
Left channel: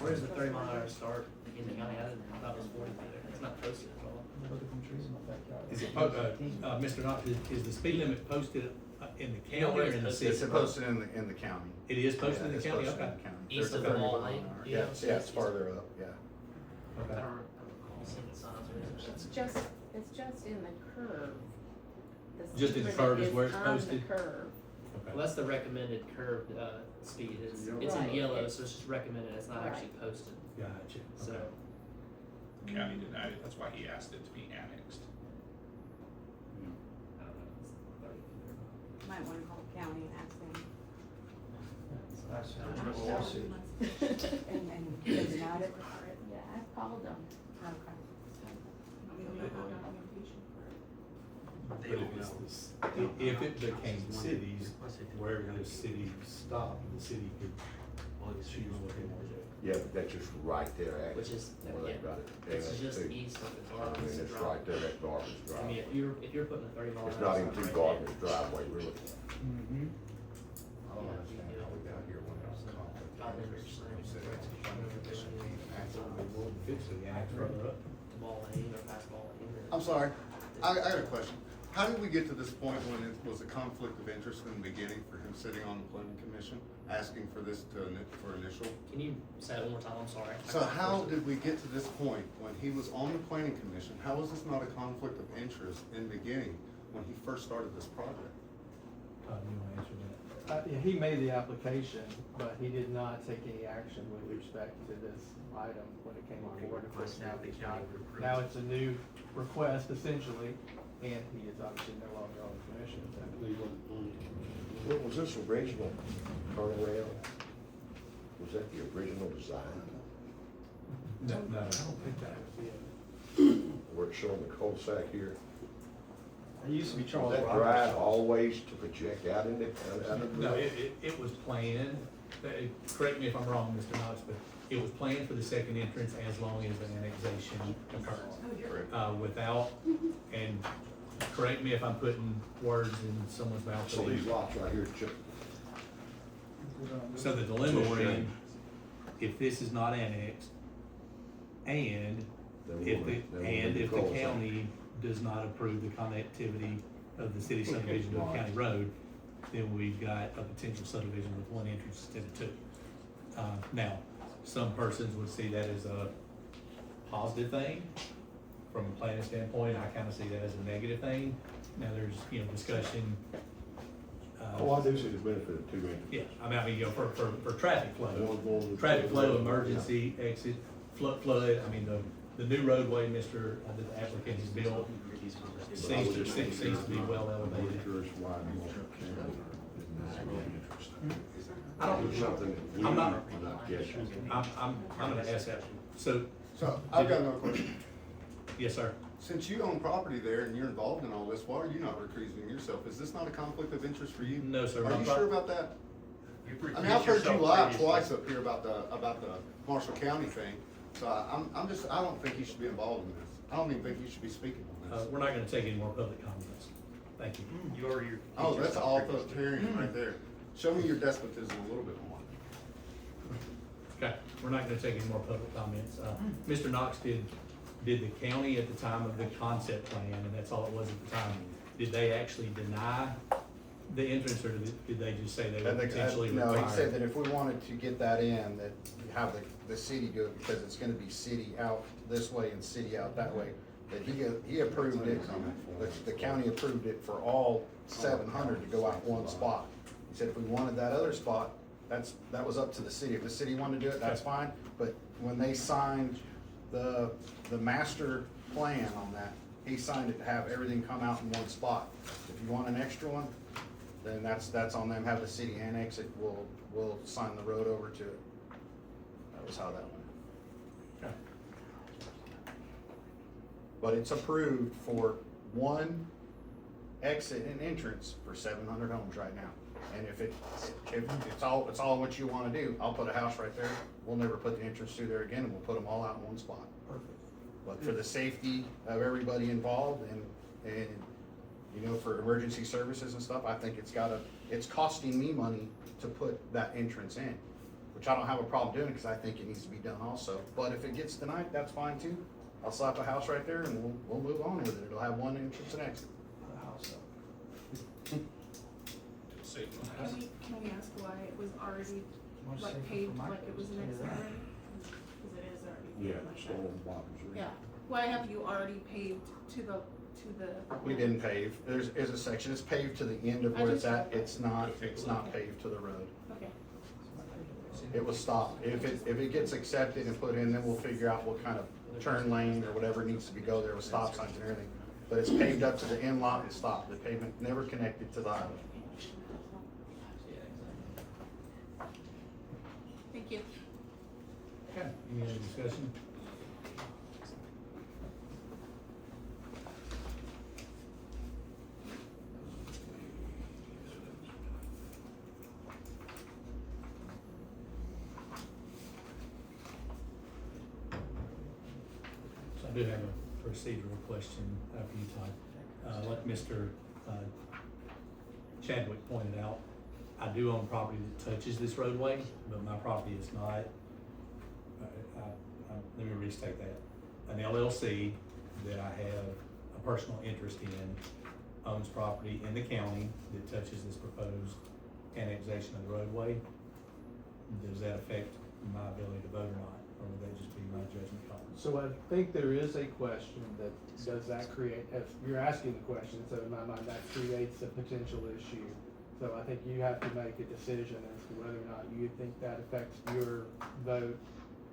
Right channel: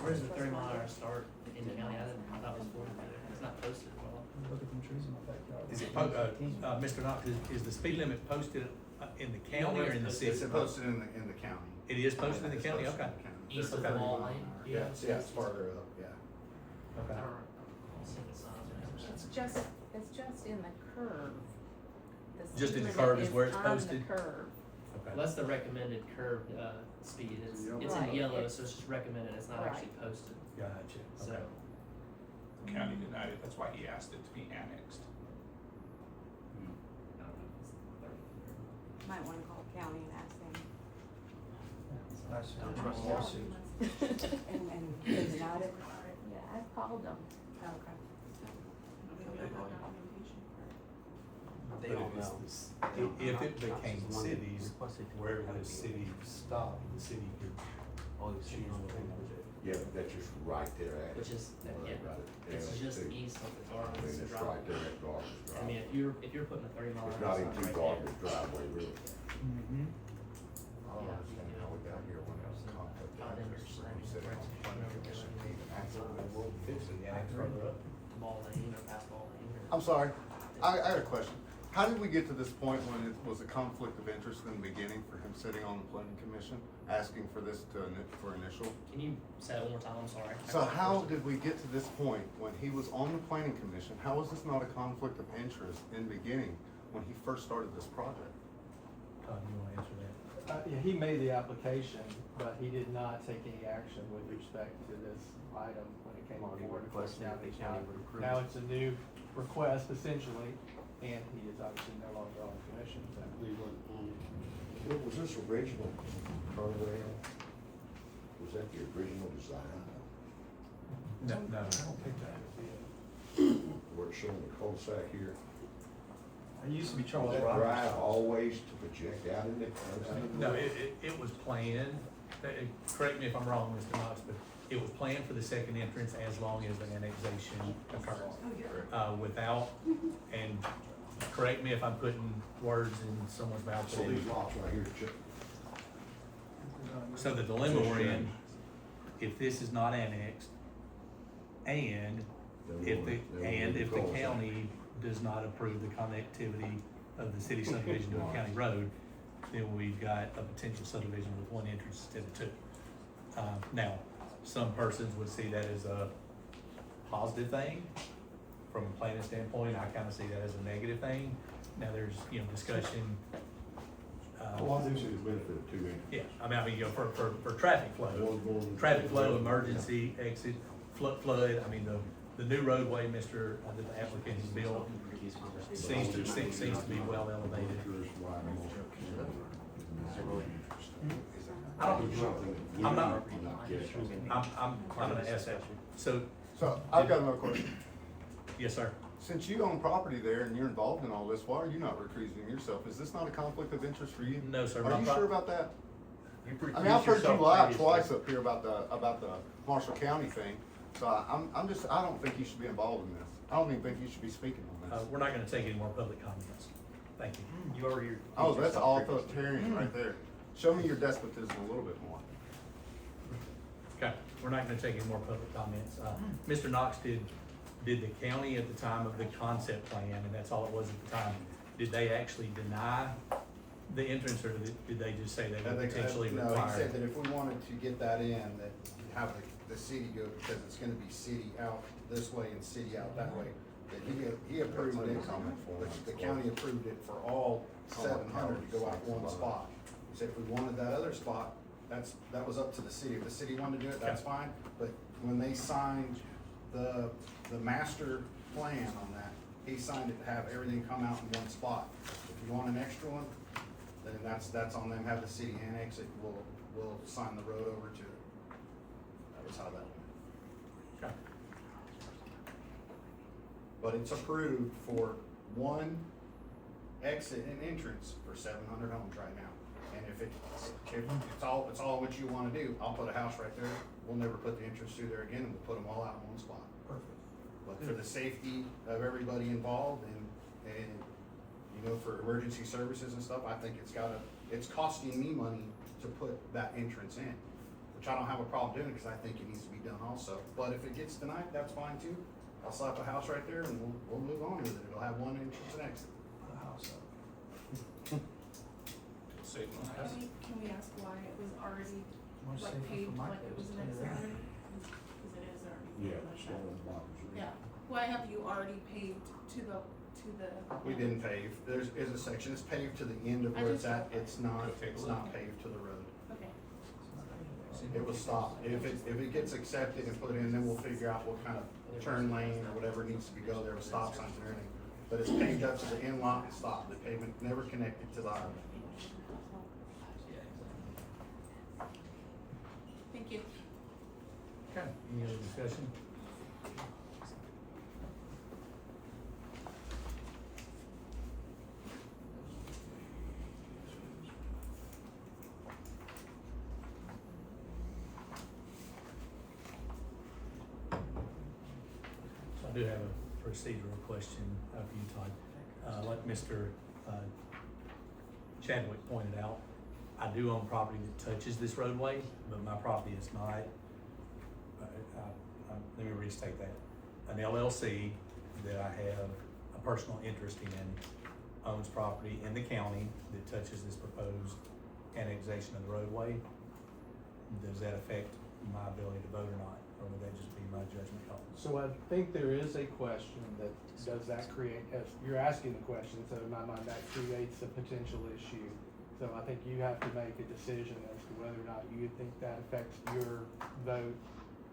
Where's the 30 mile an hour start in the county? I thought it was 40 there. It's not posted at all. Is it, Mr. Knox, is the speed limit posted in the county or in the city? It's posted in the county. It is posted in the It's county, posted okay. in the county. East of 30 Ball mile an Lane? hour. You know? Yeah, it's farther up, yeah. I Okay. don't recall seeing the signs or anything. It's just in the curve. The Just in the speed curve limit is where it's on the posted? curve. Okay. Well, that's the recommended curved, speed. It's in Right. yellow, so it's just recommended. It's not actually posted. Gotcha, So, okay. The county denied it, that's why he asked it to be annexed. I don't know. It's 30. Might wanna call county and ask them. And it's not it. Yeah, I've called them. We don't have documentation for it. They But don't if know. it's if it became cities, wherever the city stopped, the city could choose what they want to do. Yeah, but that's just right there at it. Which is, Well, they yeah, got it. it's Yeah, just too. east of the I mean, Gardens it's Drive. right there at Gardner's I mean, driveway. if you're putting a 30 mile an It's hour not sign even through right Gardner's driveway, really. there, yeah, you know, I understand. Further up. Ball lane or past ball lane. or- I'm sorry, I had a question. How did we get to this point when it was a conflict of interest in the beginning for him sitting on the planning commission, asking for this for initial? Can you say that one more time? I'm sorry. So how did we get to this point when he was on the planning commission? How was this not a conflict of interest in the beginning when he first started this project? Todd, you wanna answer that? Yeah, he made the application, but he did not take any action with respect to this item when it came on board. Of course, now he's not, now it's a new request essentially, and he is obviously no longer on the commission. What was this original turnaround? Was that the original design? No, I don't think that would be it. Where it's showing the cul-de-sac here? I used to be Was Charles that Roberts. drive always to project out in it? No, it was planned, correct me if I'm wrong, Mr. Knox, but it was planned for the second entrance as long as the annexation occurred. Without, and correct me if I'm putting words in someone's mouth. So these lots right here, just, So the dilemma we're in, if this is not annexed, and if the county does not approve the connectivity of the city subdivision to a county road, then we've got a potential subdivision with one entrance instead of two. Now, some persons would see that as a positive thing. From a planning standpoint, I kinda see that as a negative thing. Now, there's, discussion. oh, I do see the benefit of two entrances. Yeah, I mean, for traffic flow, One going to the- traffic flow, emergency, exit, flood, I mean, the new roadway, the applicant has built, seems to be well elevated. I don't, Something that we I'm not- not catching. I'm gonna ask that, so, So, I've got another question. yes, sir. Since you own property there and you're involved in all this, why are you not recusing yourself? Is this not a conflict of interest for you? No, sir. Are you sure about that? I mean, I've heard you lie twice up here about the Marshall County thing, so I don't think you should be involved in this. I don't even think you should be speaking on this. We're not gonna take any more public comments. Thank you. Oh, that's authoritarian right there. Show me your despotism a little bit more. Okay, we're not gonna take any more public comments. Mr. Knox did the county at the time of the concept plan, and that's all it was at the time, did they actually deny the entrance, or did they just say they would potentially No, require? he said that if we wanted to get that in, that have the city go, because it's gonna be city out this way and city out that way, that he approved it, but the county approved it for all 700 to go out one spot. He said if we wanted that other spot, that was up to the city. If the city wanted to do it, that's fine, but when they signed the master plan on that, he signed it to have everything come out in one spot. If you want an extra one, then that's on them, have the city annex it, we'll sign the road over to it. That was how that went. Okay. But it's approved for one exit and entrance for 700 homes right now. And if it's all what you wanna do, I'll put a house right there, we'll never put the entrance through there again, and we'll put them all out in one spot. But for the safety of everybody involved and for emergency services and stuff, I think it's costing me money to put that entrance in, which I don't have a problem doing, because I think it needs to be done also. But if it gets denied, that's fine too. I'll slap a house right there and we'll move on with it. It'll have one entrance and exit. Can we ask why it was already paved like it was an exit already? Cause it is already. Yeah, like that. storm bottles. Yeah, why have you already paved to the? We didn't pave. There's a section, it's paved to the end of I where it's just- at. It's not paved to the road. Okay, It was stopped. If it gets accepted and put in, then we'll figure out what kind of turn lane or whatever needs to be go there with stop signs and everything. But it's paved up to the end lot and stopped. The pavement never connected to the highway. thank you. Okay, any other discussion? So I do have a procedural question for you, Todd. Like Mr. Chadwick pointed out, I do own property that touches this roadway, but my property is not. Let me restate that. An LLC that I have a personal interest in owns property in the county that touches this proposed annexation of the roadway. Does that affect my ability to vote or not, or would that just be my judgment call? So I think there is a question that, does that create, if you're asking the question, so in my mind, that creates a potential issue. So I think you have to make a decision as to whether or not you think that affects your vote.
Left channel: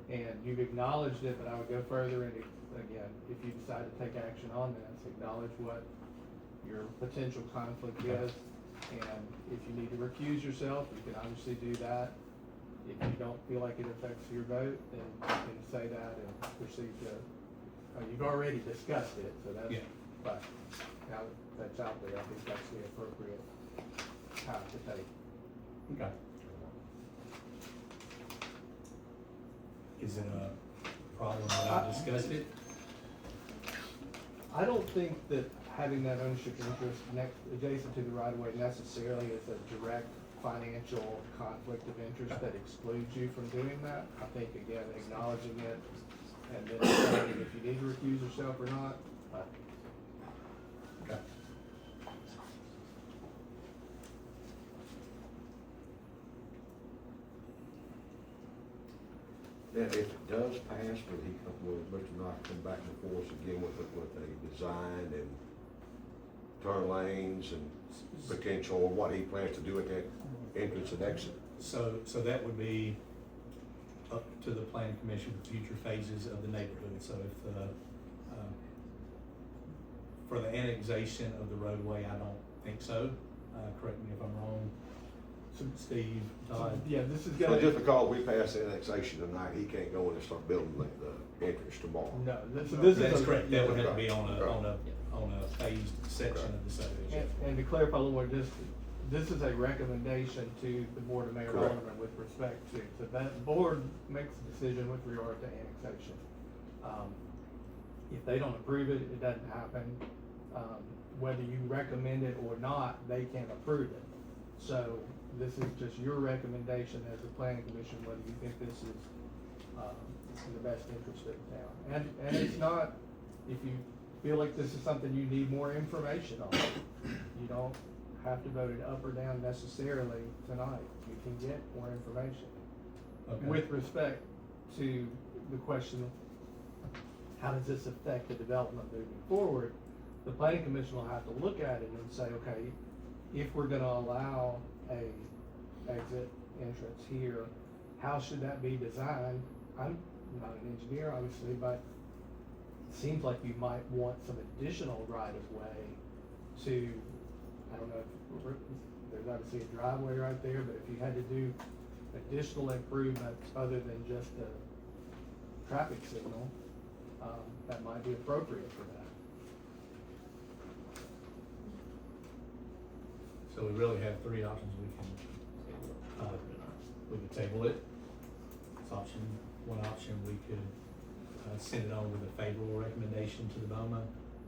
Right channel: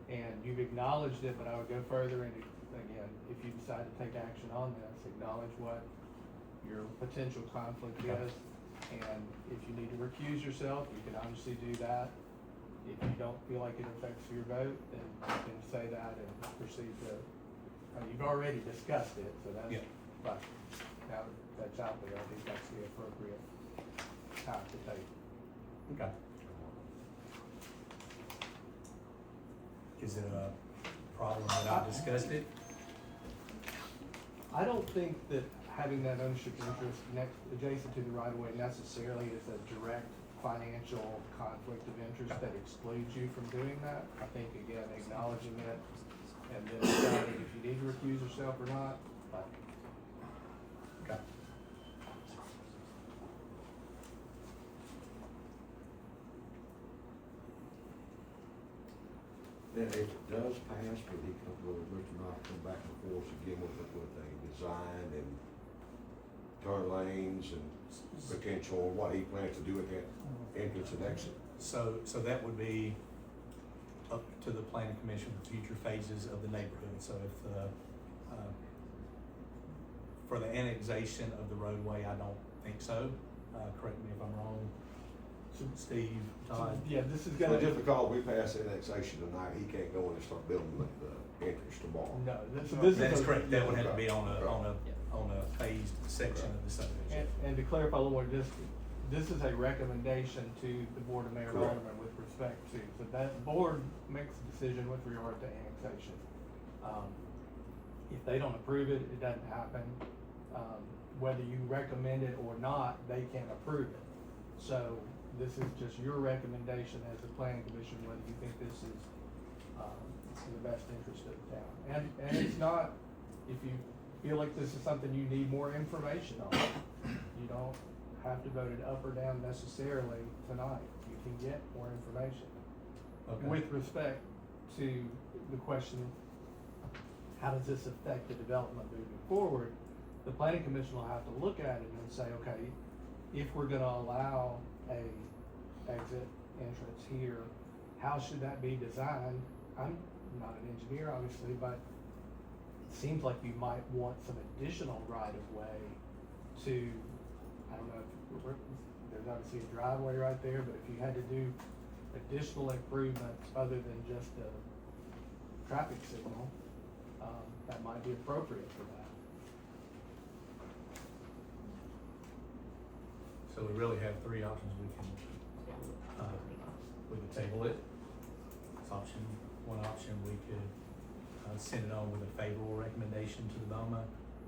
And you've acknowledged it, but I would go further and, again, if you decide to take action on this, acknowledge what your potential conflict is. And if you need to recuse yourself, you can obviously do that. If you don't feel like it affects your vote, then you can say that and proceed to, you've already discussed it, so that's, Yeah. but now that that's out there, I think that's the appropriate time to take. Okay. Is it a problem that I discussed it? I don't think that having that ownership interest next, adjacent to the right of way necessarily is a direct financial conflict of interest that excludes you from doing that. I think, again, acknowledging it and then deciding if you need to recuse yourself or not, but Okay. Then if it does pass, will Mr. Knox come back before us again with a design and turn lanes and potential, what he plans to do at that entrance and exit? So that would be up to the planning commission for future phases of the neighborhood. So if, for the annexation of the roadway, I don't think so. Correct me if I'm wrong. Steve, Todd? yeah, this is So gonna. just because we pass annexation tonight, he can't go in and start building the entrance tomorrow? No, this That is. is correct. That would have to be on Okay. a phased section of the subdivision. And to clarify a little more, this is a recommendation to the Board of Mayor and Correct. Aldermen with respect to, so that board makes a decision with regard to annexation. If they don't approve it, it doesn't happen. Whether you recommend it or not, they can approve it. So this is just your recommendation as a planning commission, whether you think this is, in the best interest of the town. And it's not, if you feel like this is something you need more information on, you don't have to vote it up or down necessarily tonight. You can get more information. Okay. With respect to the question of how does this affect the development moving forward, the planning commission will have to look at it and say, okay, if we're gonna allow a exit entrance here, how should that be designed? I'm not an engineer, obviously, but it seems like you might want some additional right of way to, I don't know, if there's obviously a driveway right there, but if you had to do additional improvements other than just a traffic signal, that might be appropriate for that. So we really have three options. We could table it. It's one option, we could, send it on with a favorable recommendation to the BOMA,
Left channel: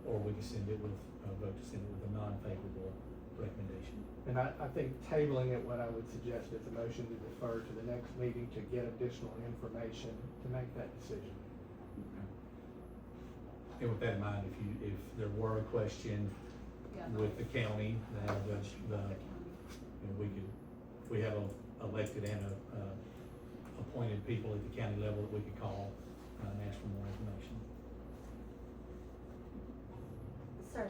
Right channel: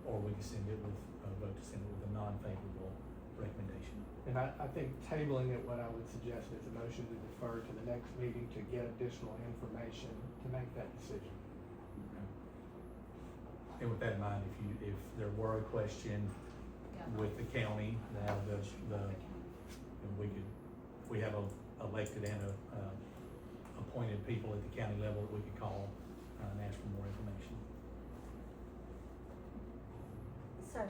or we could send it with, vote to send it with a non-favorable recommendation. And I think tabling it, what I would suggest is a motion to defer to the next meeting to get additional information to make that decision. And with that in mind, if there were a question with the county, now we have elected and appointed people at the county level that we could call and ask for more information. Sir,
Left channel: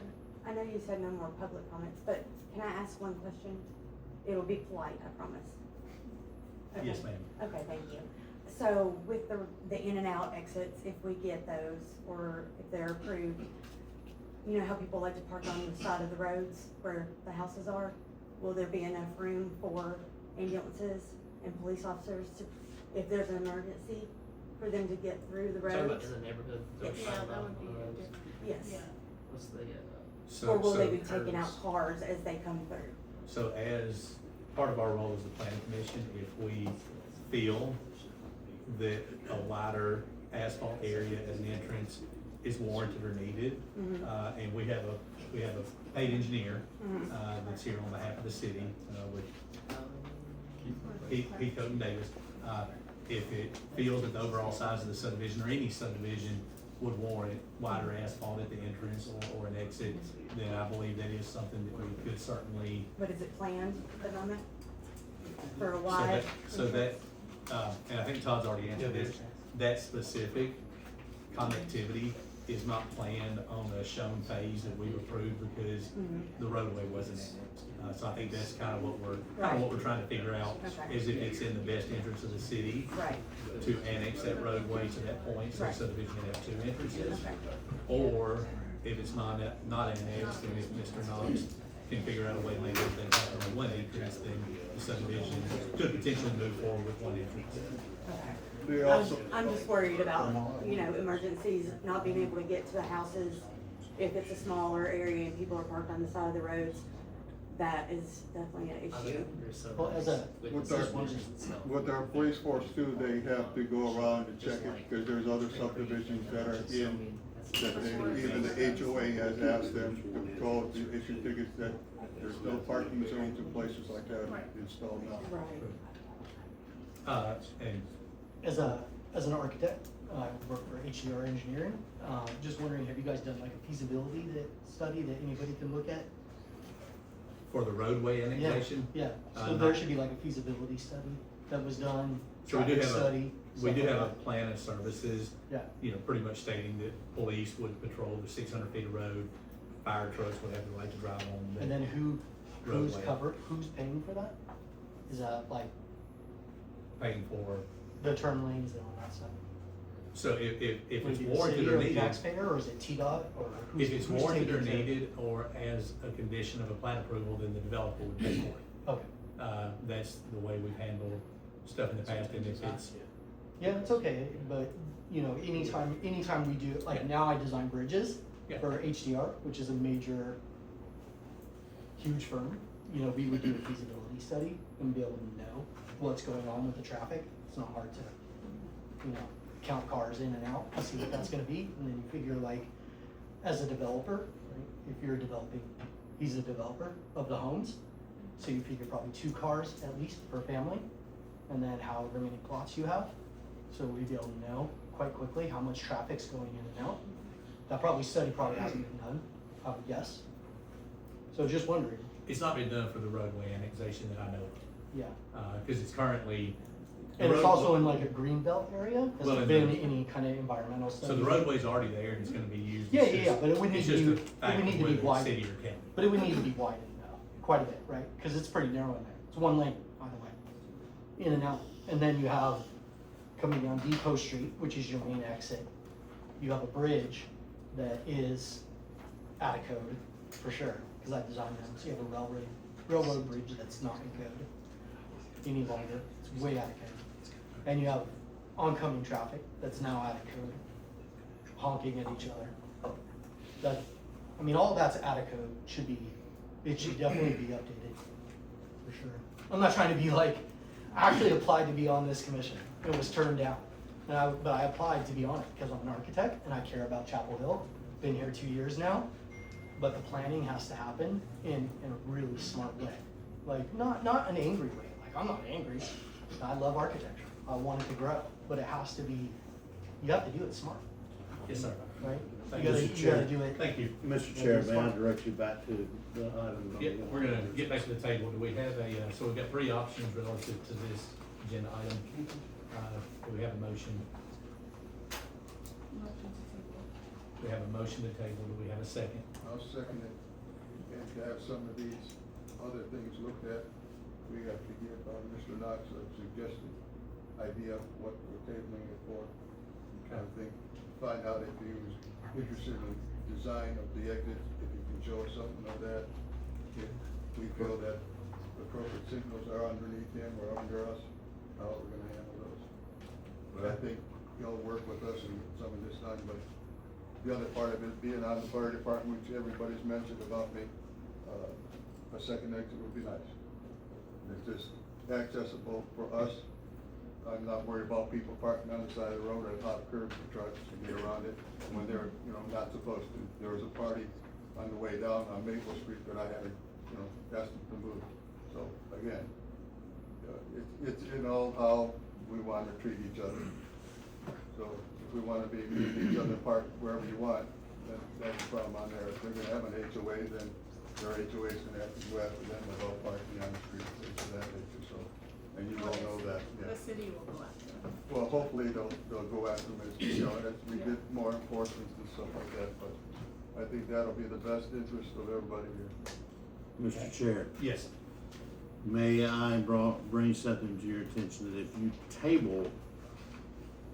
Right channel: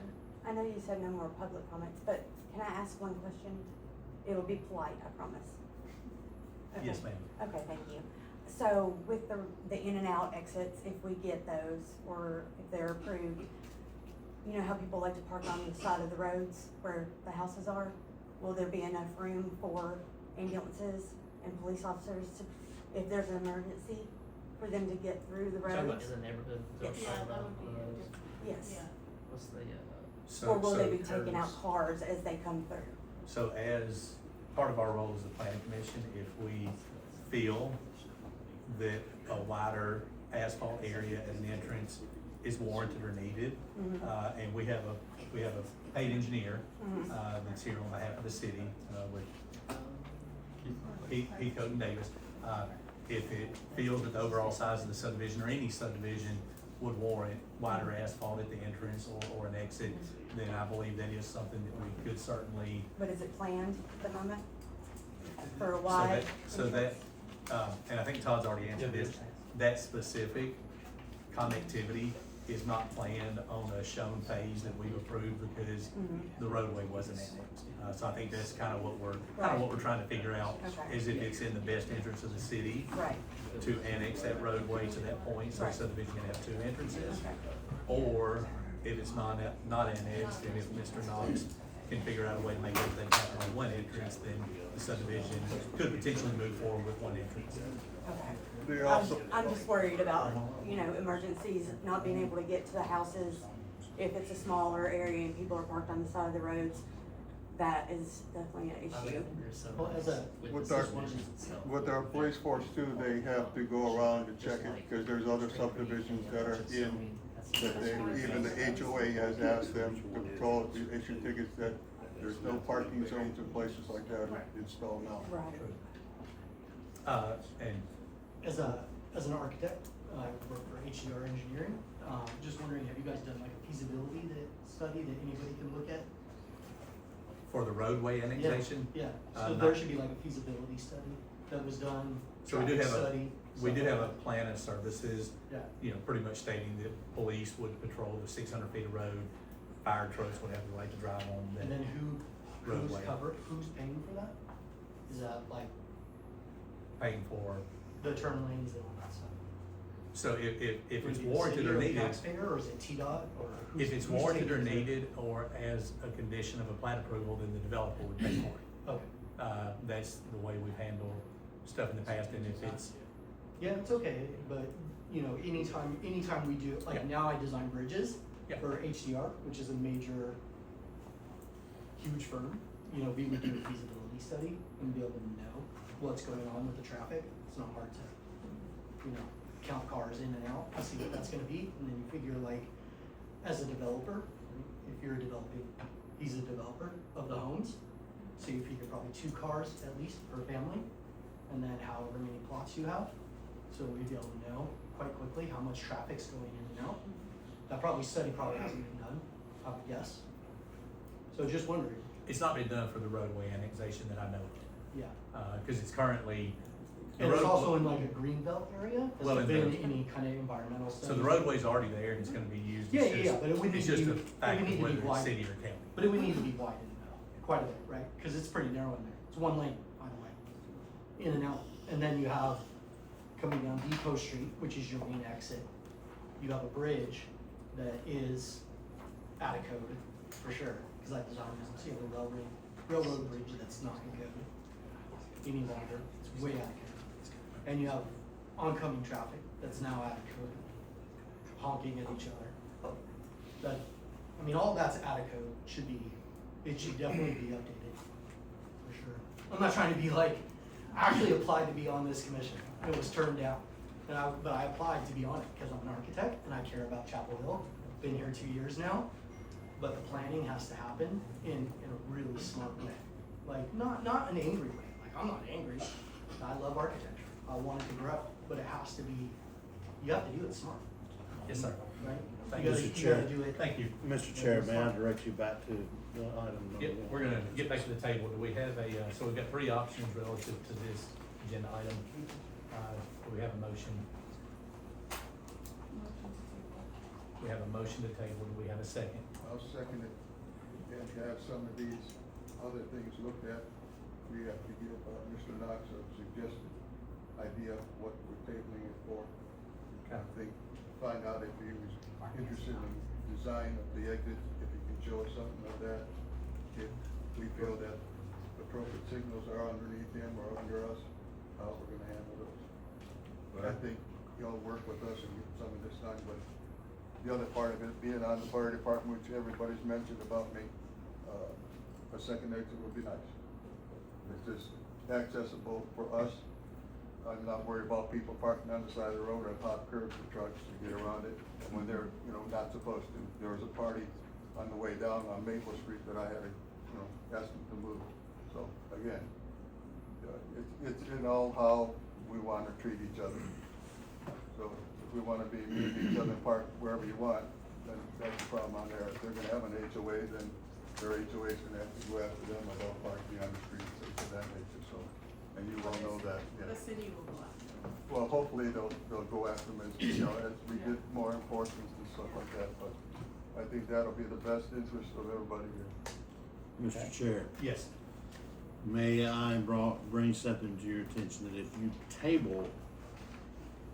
I know you said no more public comments, but can I ask one question? It'll be polite, I promise. Okay. Yes, ma'am. Okay, thank you. So with the in and out exits, if we get those, or if they're approved, you know how people like to park on the side of the roads where the houses are? Will there be enough room for ambulances and police officers to, if there's an emergency, for them to get through the roads? Talking about in the neighborhood. Yeah, that would be a different. Yes. Yeah. What's the, So, Or will they so- be taking out cars as they come through? So as part of our role as the planning commission, if we feel that a wider asphalt area as an entrance is warranted or needed, and we have a paid engineer, that's here on behalf of the city, with Heath Coat and Davis. If it feels that the overall size of the subdivision or any subdivision would warrant wider asphalt at the entrance or an exit, then I believe that is something that we could certainly. But is it planned at the moment? For a So while? that, and I think Todd's already answered this, that specific connectivity is not planned on a shown phase that we've approved because the roadway wasn't annexed. So I think that's kind of what we're trying to figure out, Okay. is if it's in the best interest of the city Right. to annex that roadway to that point, so the subdivision can have two entrances. Or if it's not annexed, and if Mr. Knox can figure out a way to make everything happen on one entrance, then the subdivision could potentially move forward with one entrance. I'm just worried about, emergencies, not being able to get to the houses. If it's a smaller area and people are parked on the side of the roads, that is definitely an I issue. think there's some. Well, as a- With our- the subdivisions itself. With our police force too, they have to go around and check it, because there's other subdivisions that are in, that they, even the HOA has asked them to patrol, to issue tickets that there's no parking zones in places like that installed now. Right. And As an architect, I work for HDR Engineering, just wondering, have you guys done like a feasibility study that anybody can look at? for the roadway annexation. Yeah, so not- there should be like a feasibility study that was done. So we do traffic have study, we do stuff have a like plan of services, Yeah. pretty much stating that police would patrol the 600 feet of road, fire trucks would have the right to drive on that. And then who's roadway. covered, who's paying for that? Is that like Paying for, the turn lanes and all that stuff? so if Would it's it be the warranted city or the needed, taxpayer, or is it TDOT, or who's? if it's who's warranted or taking care of it? needed, or as a condition of a plat approval, then the developer would pay for it. Okay, That's the way we've handled stuff in the past, and if it's, yeah, it's okay, but, anytime we do, like Yeah. now I design bridges Yeah. for HDR, which is a major, huge firm, we would do a feasibility study and be able to know what's going on with the traffic. It's not hard to, count cars in and out and see what that's gonna be, and then you figure like, as a developer, if you're developing, he's a developer of the homes, so you figure probably 2 cars at least per family, and then however many plots you have. So we'd be able to know quite quickly how much traffic's going in and out. That study probably hasn't been done, I would guess. So just wondering, it's not been done for the roadway annexation that I know of. yeah. Cause it's currently. the And it's road- also in like a green belt area, has Well, there and been any kind of environmental study? So the roadway's already there and it's gonna be used. Yeah, It's yeah, just- but it would need it's to just be, a it fact would of need to whether be it's widened. city or county. But it would need to be widened quite a bit, right? Cause it's pretty narrow in there. It's one lane, by the way, in and out. And then you have, coming down Depot Street, which is your main exit, you have a bridge that is out of code, for sure, cause I designed them. So you have a railroad bridge that's not in code any longer. It's way out of code. And you have oncoming traffic that's now out of code, honking at each other. All that's out of code, it should definitely be updated, for sure. I'm not trying to be like, I actually applied to be on this commission, it was turned down. But I applied to be on it, because I'm an architect and I care about Chapel Hill, been here 2 years now. But the planning has to happen in a really smart way, like, not an angry way, like, I'm not angry, I love architecture, I want it to grow, but it has to be, you have to do it smart. Yes, sir. Right? Thank You you. gotta- Mr. you Chair. gotta do it. Thank you. Mr. Chair, may I direct you back to the item number Yeah, one? we're gonna get back to the table. Do we have so we've got 3 options relative to this agenda item. Do we have a motion? We have a motion to table. Do we have a second? I'll second it, and to have some of these other things looked at, we have to give, Mr. Knox a suggested idea of what we're tabling it for. I think, find out if he was interested in design of the exit, if he can show us something of that. If we feel that appropriate signals are underneath him or under us, how we're gonna handle those. But I think y'all work with us and get some of this done, but the other part of it, being on the fire department, which everybody's mentioned about me, a second exit would be nice. It's just accessible for us. I'm not worried about people parking on the side of the road or hot curbs for trucks to get around it when they're, not supposed to. There was a party on the way down on Maple Street that I had to, ask them to move. So, again, it's in all how we want to treat each other. So if we want to be meet each other and park wherever you want, then that's the problem on there. If they're gonna have an HOA, then their HOA's gonna have to go after them about parking on the street, things of that nature, so. And you all know that, yeah. The city will go after them. Well, hopefully they'll go after them as, as we get more enforcement and stuff like that, but I think that'll be the best interest of everybody here. Mr. Chair, Yes. may I bring something to your attention, that if you table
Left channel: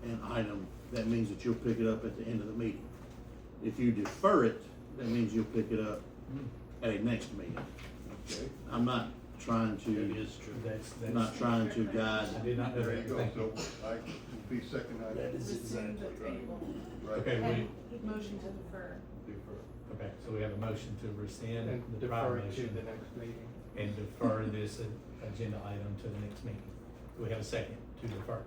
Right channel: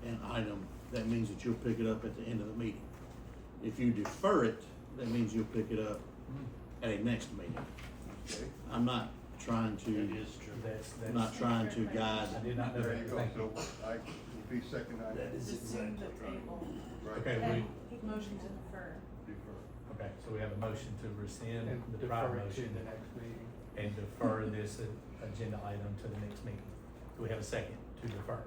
an item, that means that you'll pick it up at the end of the meeting. If you defer it, that means you'll pick it up at a next meeting. Okay. I'm not trying to, That's, not trying to guide. I did not know There that. you go, Thank you. so I will be second item. Rescind the table. Right. Okay, And motion to defer. Defer. Okay, so we have a motion to rescind And the prior defer it to motion the next meeting. and defer this agenda item to the next meeting. Do we have a second to defer?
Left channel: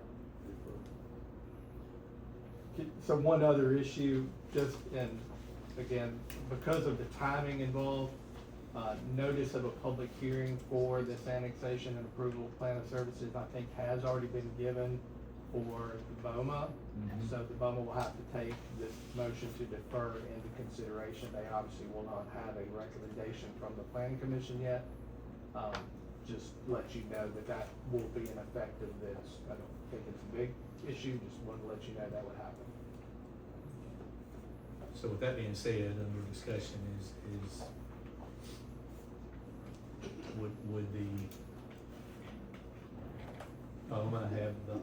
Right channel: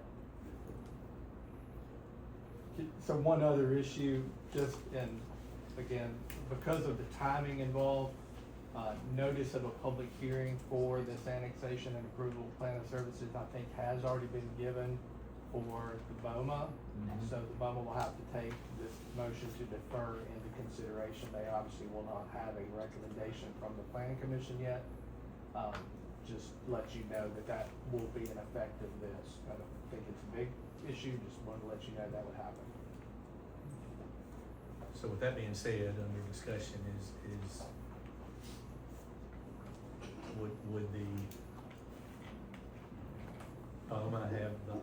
So one other issue, just, and again, because of the timing involved, notice of a public hearing for this annexation and approval of plan of services, I think, has already been given for the BOMA. Mhm. So the BOMA will have to take this motion to defer into consideration. They obviously will not have a recommendation from the planning commission yet. Just let you know that that will be an effect of this. I don't think it's a big issue, just wanted to let you know that would happen. So with that being said, under discussion is would the BOMA have the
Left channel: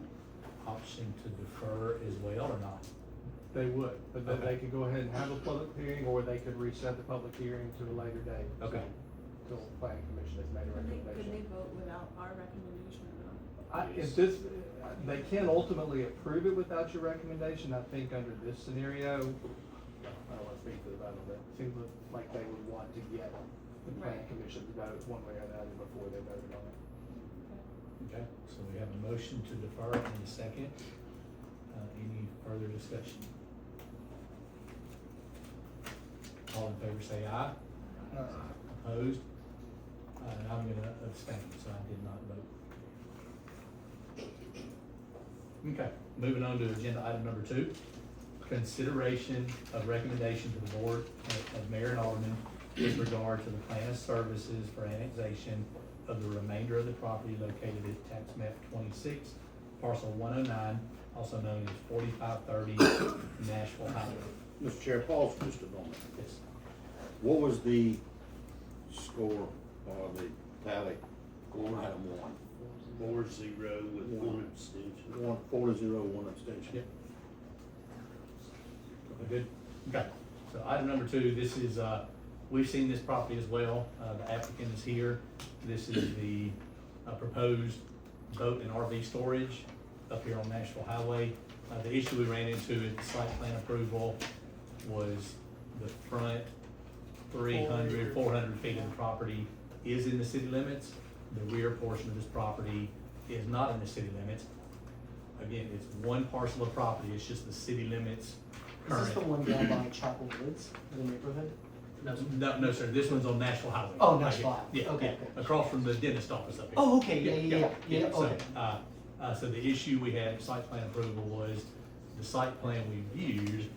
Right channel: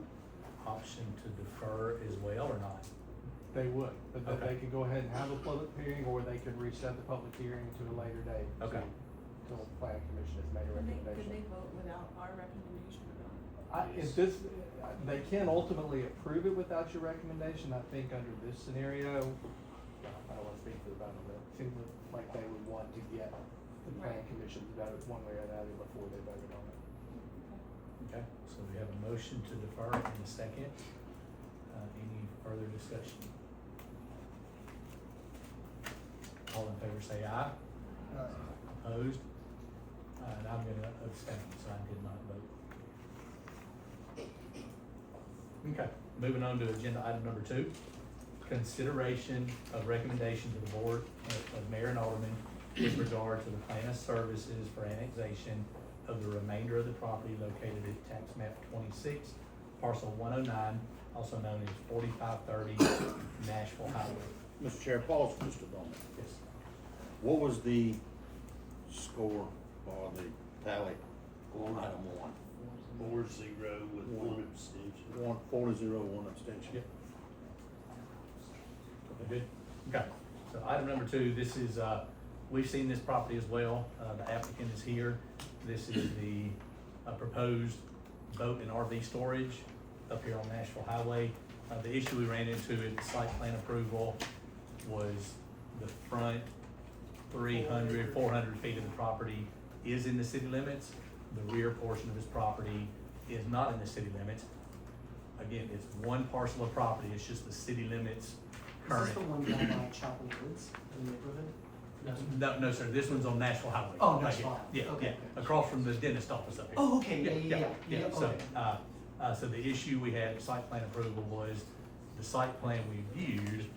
option to defer as well or not? They would, but then Okay. they could go ahead and have a public hearing, or they could reset the public hearing to a later date. Okay. Till the planning commission has made a Could they recommendation. vote without our recommendation or not? If this, they can ultimately approve it without your recommendation. I think under this scenario, I don't wanna speak for the BOMA, but it seems like they would want to get the planning Right. commission's vote one way or the other before they voted on it. Okay, so we have a motion to defer in a second. Any further discussion? All in favor say aye. Opposed? And I'm gonna abstain, so I did not vote. Okay, moving on to agenda item number 2. Consideration of recommendation to the board of mayor and aldermen with regard to the plan of services for annexation of the remainder of the property located at tax map 26, parcel 109, also known as 4530 Nashville Highway. Mr. Chair, pause for just a moment. Yes. What was the score or the tally on item 1? 4-0 with one abstention. 4-0, one abstention. Yep. Good. Okay, so item number 2, this is, we've seen this property as well. The applicant is here. This is the proposed boat and RV storage up here on Nashville Highway. The issue we ran into in the site plan approval was the front 400 feet of the property is in the city limits. The rear portion of this property is not in the city limits. Again, it's one parcel of property, it's just the city limits Is current. this the one down by Chapel Woods, the neighborhood? No, sir, this one's on Nashville Highway. Oh, Right Nashville here. Highway. Yeah, Okay, yeah, okay. across from the dentist office up here. Oh, okay, yeah. So, Okay. so the issue we had at site plan approval was the site plan we viewed,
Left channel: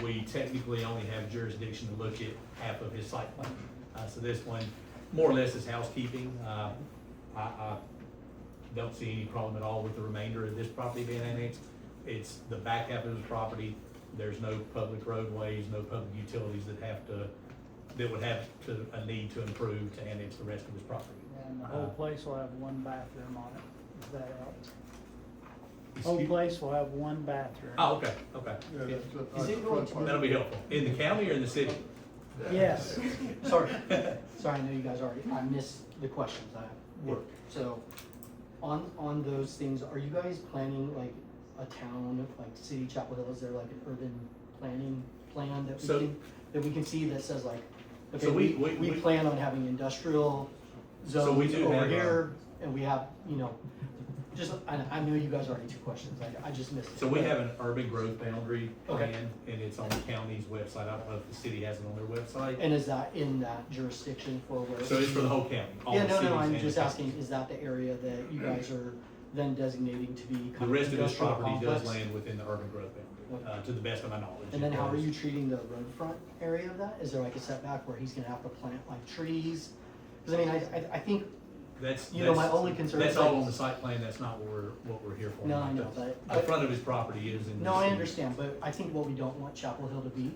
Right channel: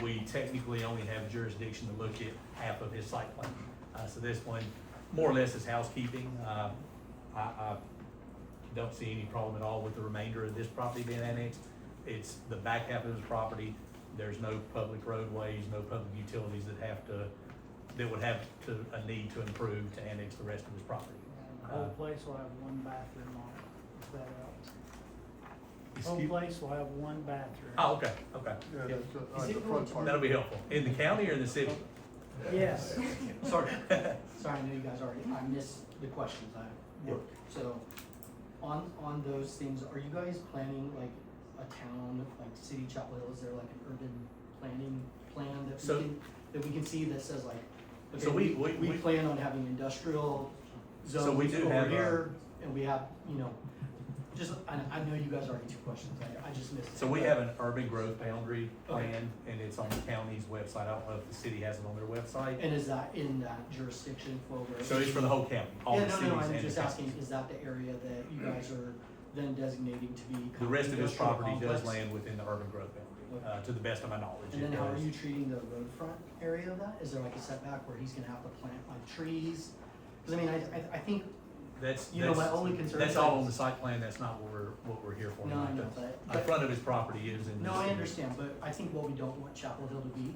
we technically only have jurisdiction to look at half of his site plan. So this one, more or less is housekeeping. I don't see any problem at all with the remainder of this property being annexed. It's the back half of his property. There's no public roadways, no public utilities that would have a need to improve to annex the rest of his property. And the whole place will have one bathroom on it. Is that out? Whole Excuse- place will have one bathroom. Oh, okay, okay. Yeah, that's Is it the going front to- part. That'll be helpful. In the county or in the city? Yes. Sorry, sorry, I know you guys already, I missed the questions, I work. So, on those things, are you guys planning like a town, like City Chapel Hill, is there like an urban planning plan that we can see that says like, okay, So we plan on having industrial zones So we do over have, here, and we have, just, I know you guys already 2 questions, I just missed it. So we have an urban growth boundary Okay. plan, and it's on the county's website. I don't know if the city has it on their website. And is that in that jurisdiction for where? So it's for the whole county, all Yeah, the no, cities no, I'm and the just county. asking, is that the area that you guys are then designating to be? kind The rest of this industrial property does complex? land within the urban growth boundary, to the best of my knowledge. And then It how are does. you treating the roadfront area of that? Is there like a setback where he's gonna have to plant like trees? Cause I mean, I think, That's, my only concern that's is all like- on the site plan, that's not what we're here for. No, I tonight. know, but- The front of his property is in the no, I city. understand, but I think what we don't want Chapel Hill to be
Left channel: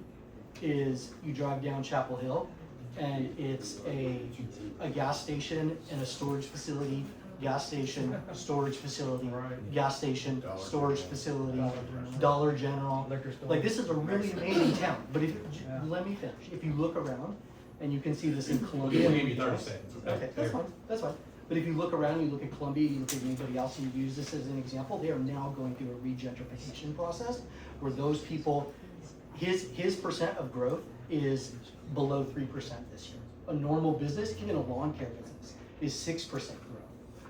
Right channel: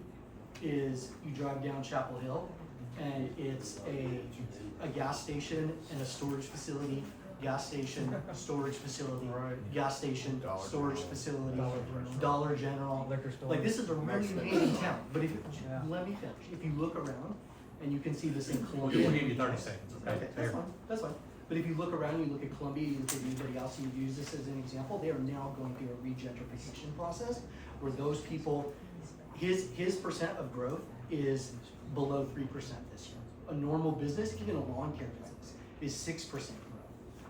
is you drive down Chapel Hill and it's a gas station and a storage facility, gas station, storage facility, gas station, storage facility, Dollar General. Like, this is a really amazing town, but if, let me finish, if you look around, and you can see this in We'll Columbia. give you 30 seconds, okay? Okay, that's fine, that's fine. But if you look around, you look at Columbia, you look at anybody else, and you use this as an example, they are now going through a regentrification process where those people, his percent of growth is below 3% this year. A normal business, even a lawn care business, is 6% growth.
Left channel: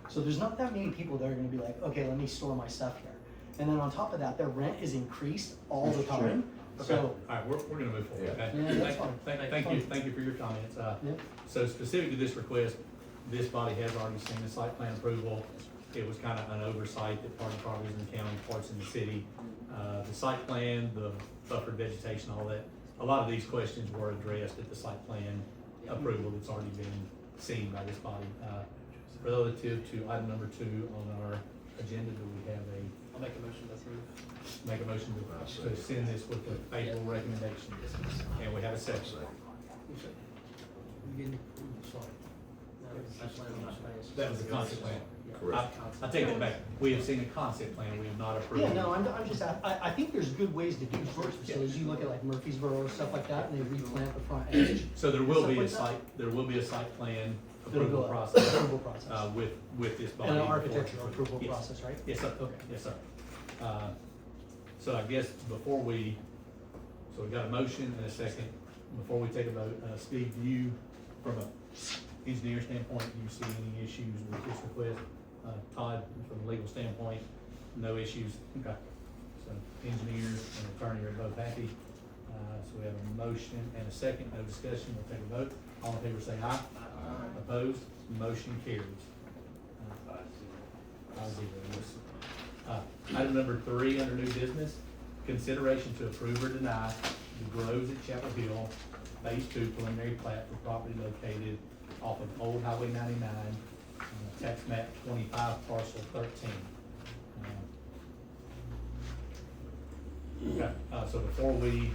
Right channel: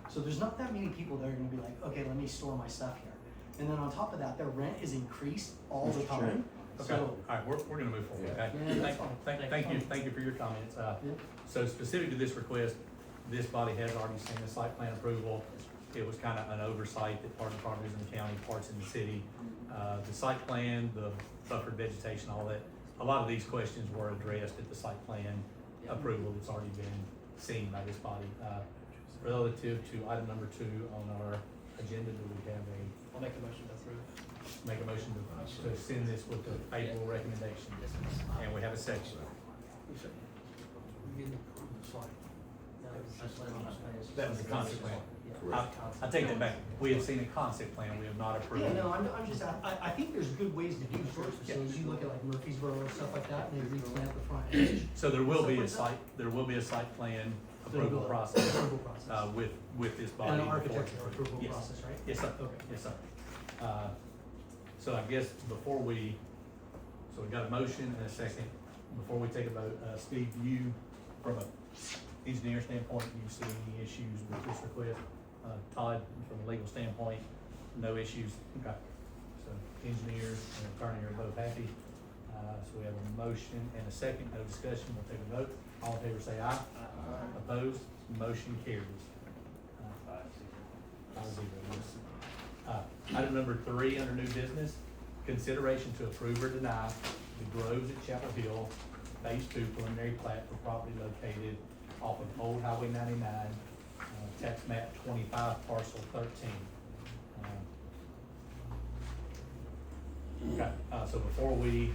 So there's not that many people that are gonna be like, okay, let me store my stuff here. And then on top of that, their rent is increased all the time. Okay, So, all right, we're gonna move forward, okay? Yeah, that's fine. Thank you for your comments. Yeah. So specific to this request, this body has already seen the site plan approval. It was kind of an oversight that part of the properties in the county, parts in the city. The site plan, the buffered vegetation, all that, a lot of these questions were addressed at the site plan approval that's already been seen by this body. Relative to item number 2 on our agenda, do we have I'll make a motion to approve. make a motion to send this with a favorable recommendation? And we have a second. No, that's why I'm not playing. That was the concept plan. Correct. I take that back. We have seen a concept plan, we have not approved. yeah, no, I'm just, I think there's good ways to do first facilities. You look at like Murfreesboro, stuff like that, and they replant the front edge. So there will be a site plan approval process, Approval process. with this body. And an before it's architectural approved. approval Yes. process, right? Yes, sir. Okay. Yes, sir. So I guess before we, so we got a motion and a second. Before we take a vote, Steve, do you, from an engineer standpoint, do you see any issues with this request? Todd, from a legal standpoint, no issues? Okay. So engineers and attorney are both happy. So we have a motion and a second, no discussion, we'll take a vote. All in favor say aye. Aye. Opposed? Motion carries. 5-0, yes. Item number 3 under new business, consideration to approve or deny the Groves at Chapel Hill, Phase 2 preliminary plat for property located off of Old Highway 99, tax map 25, parcel 13. Okay, so before we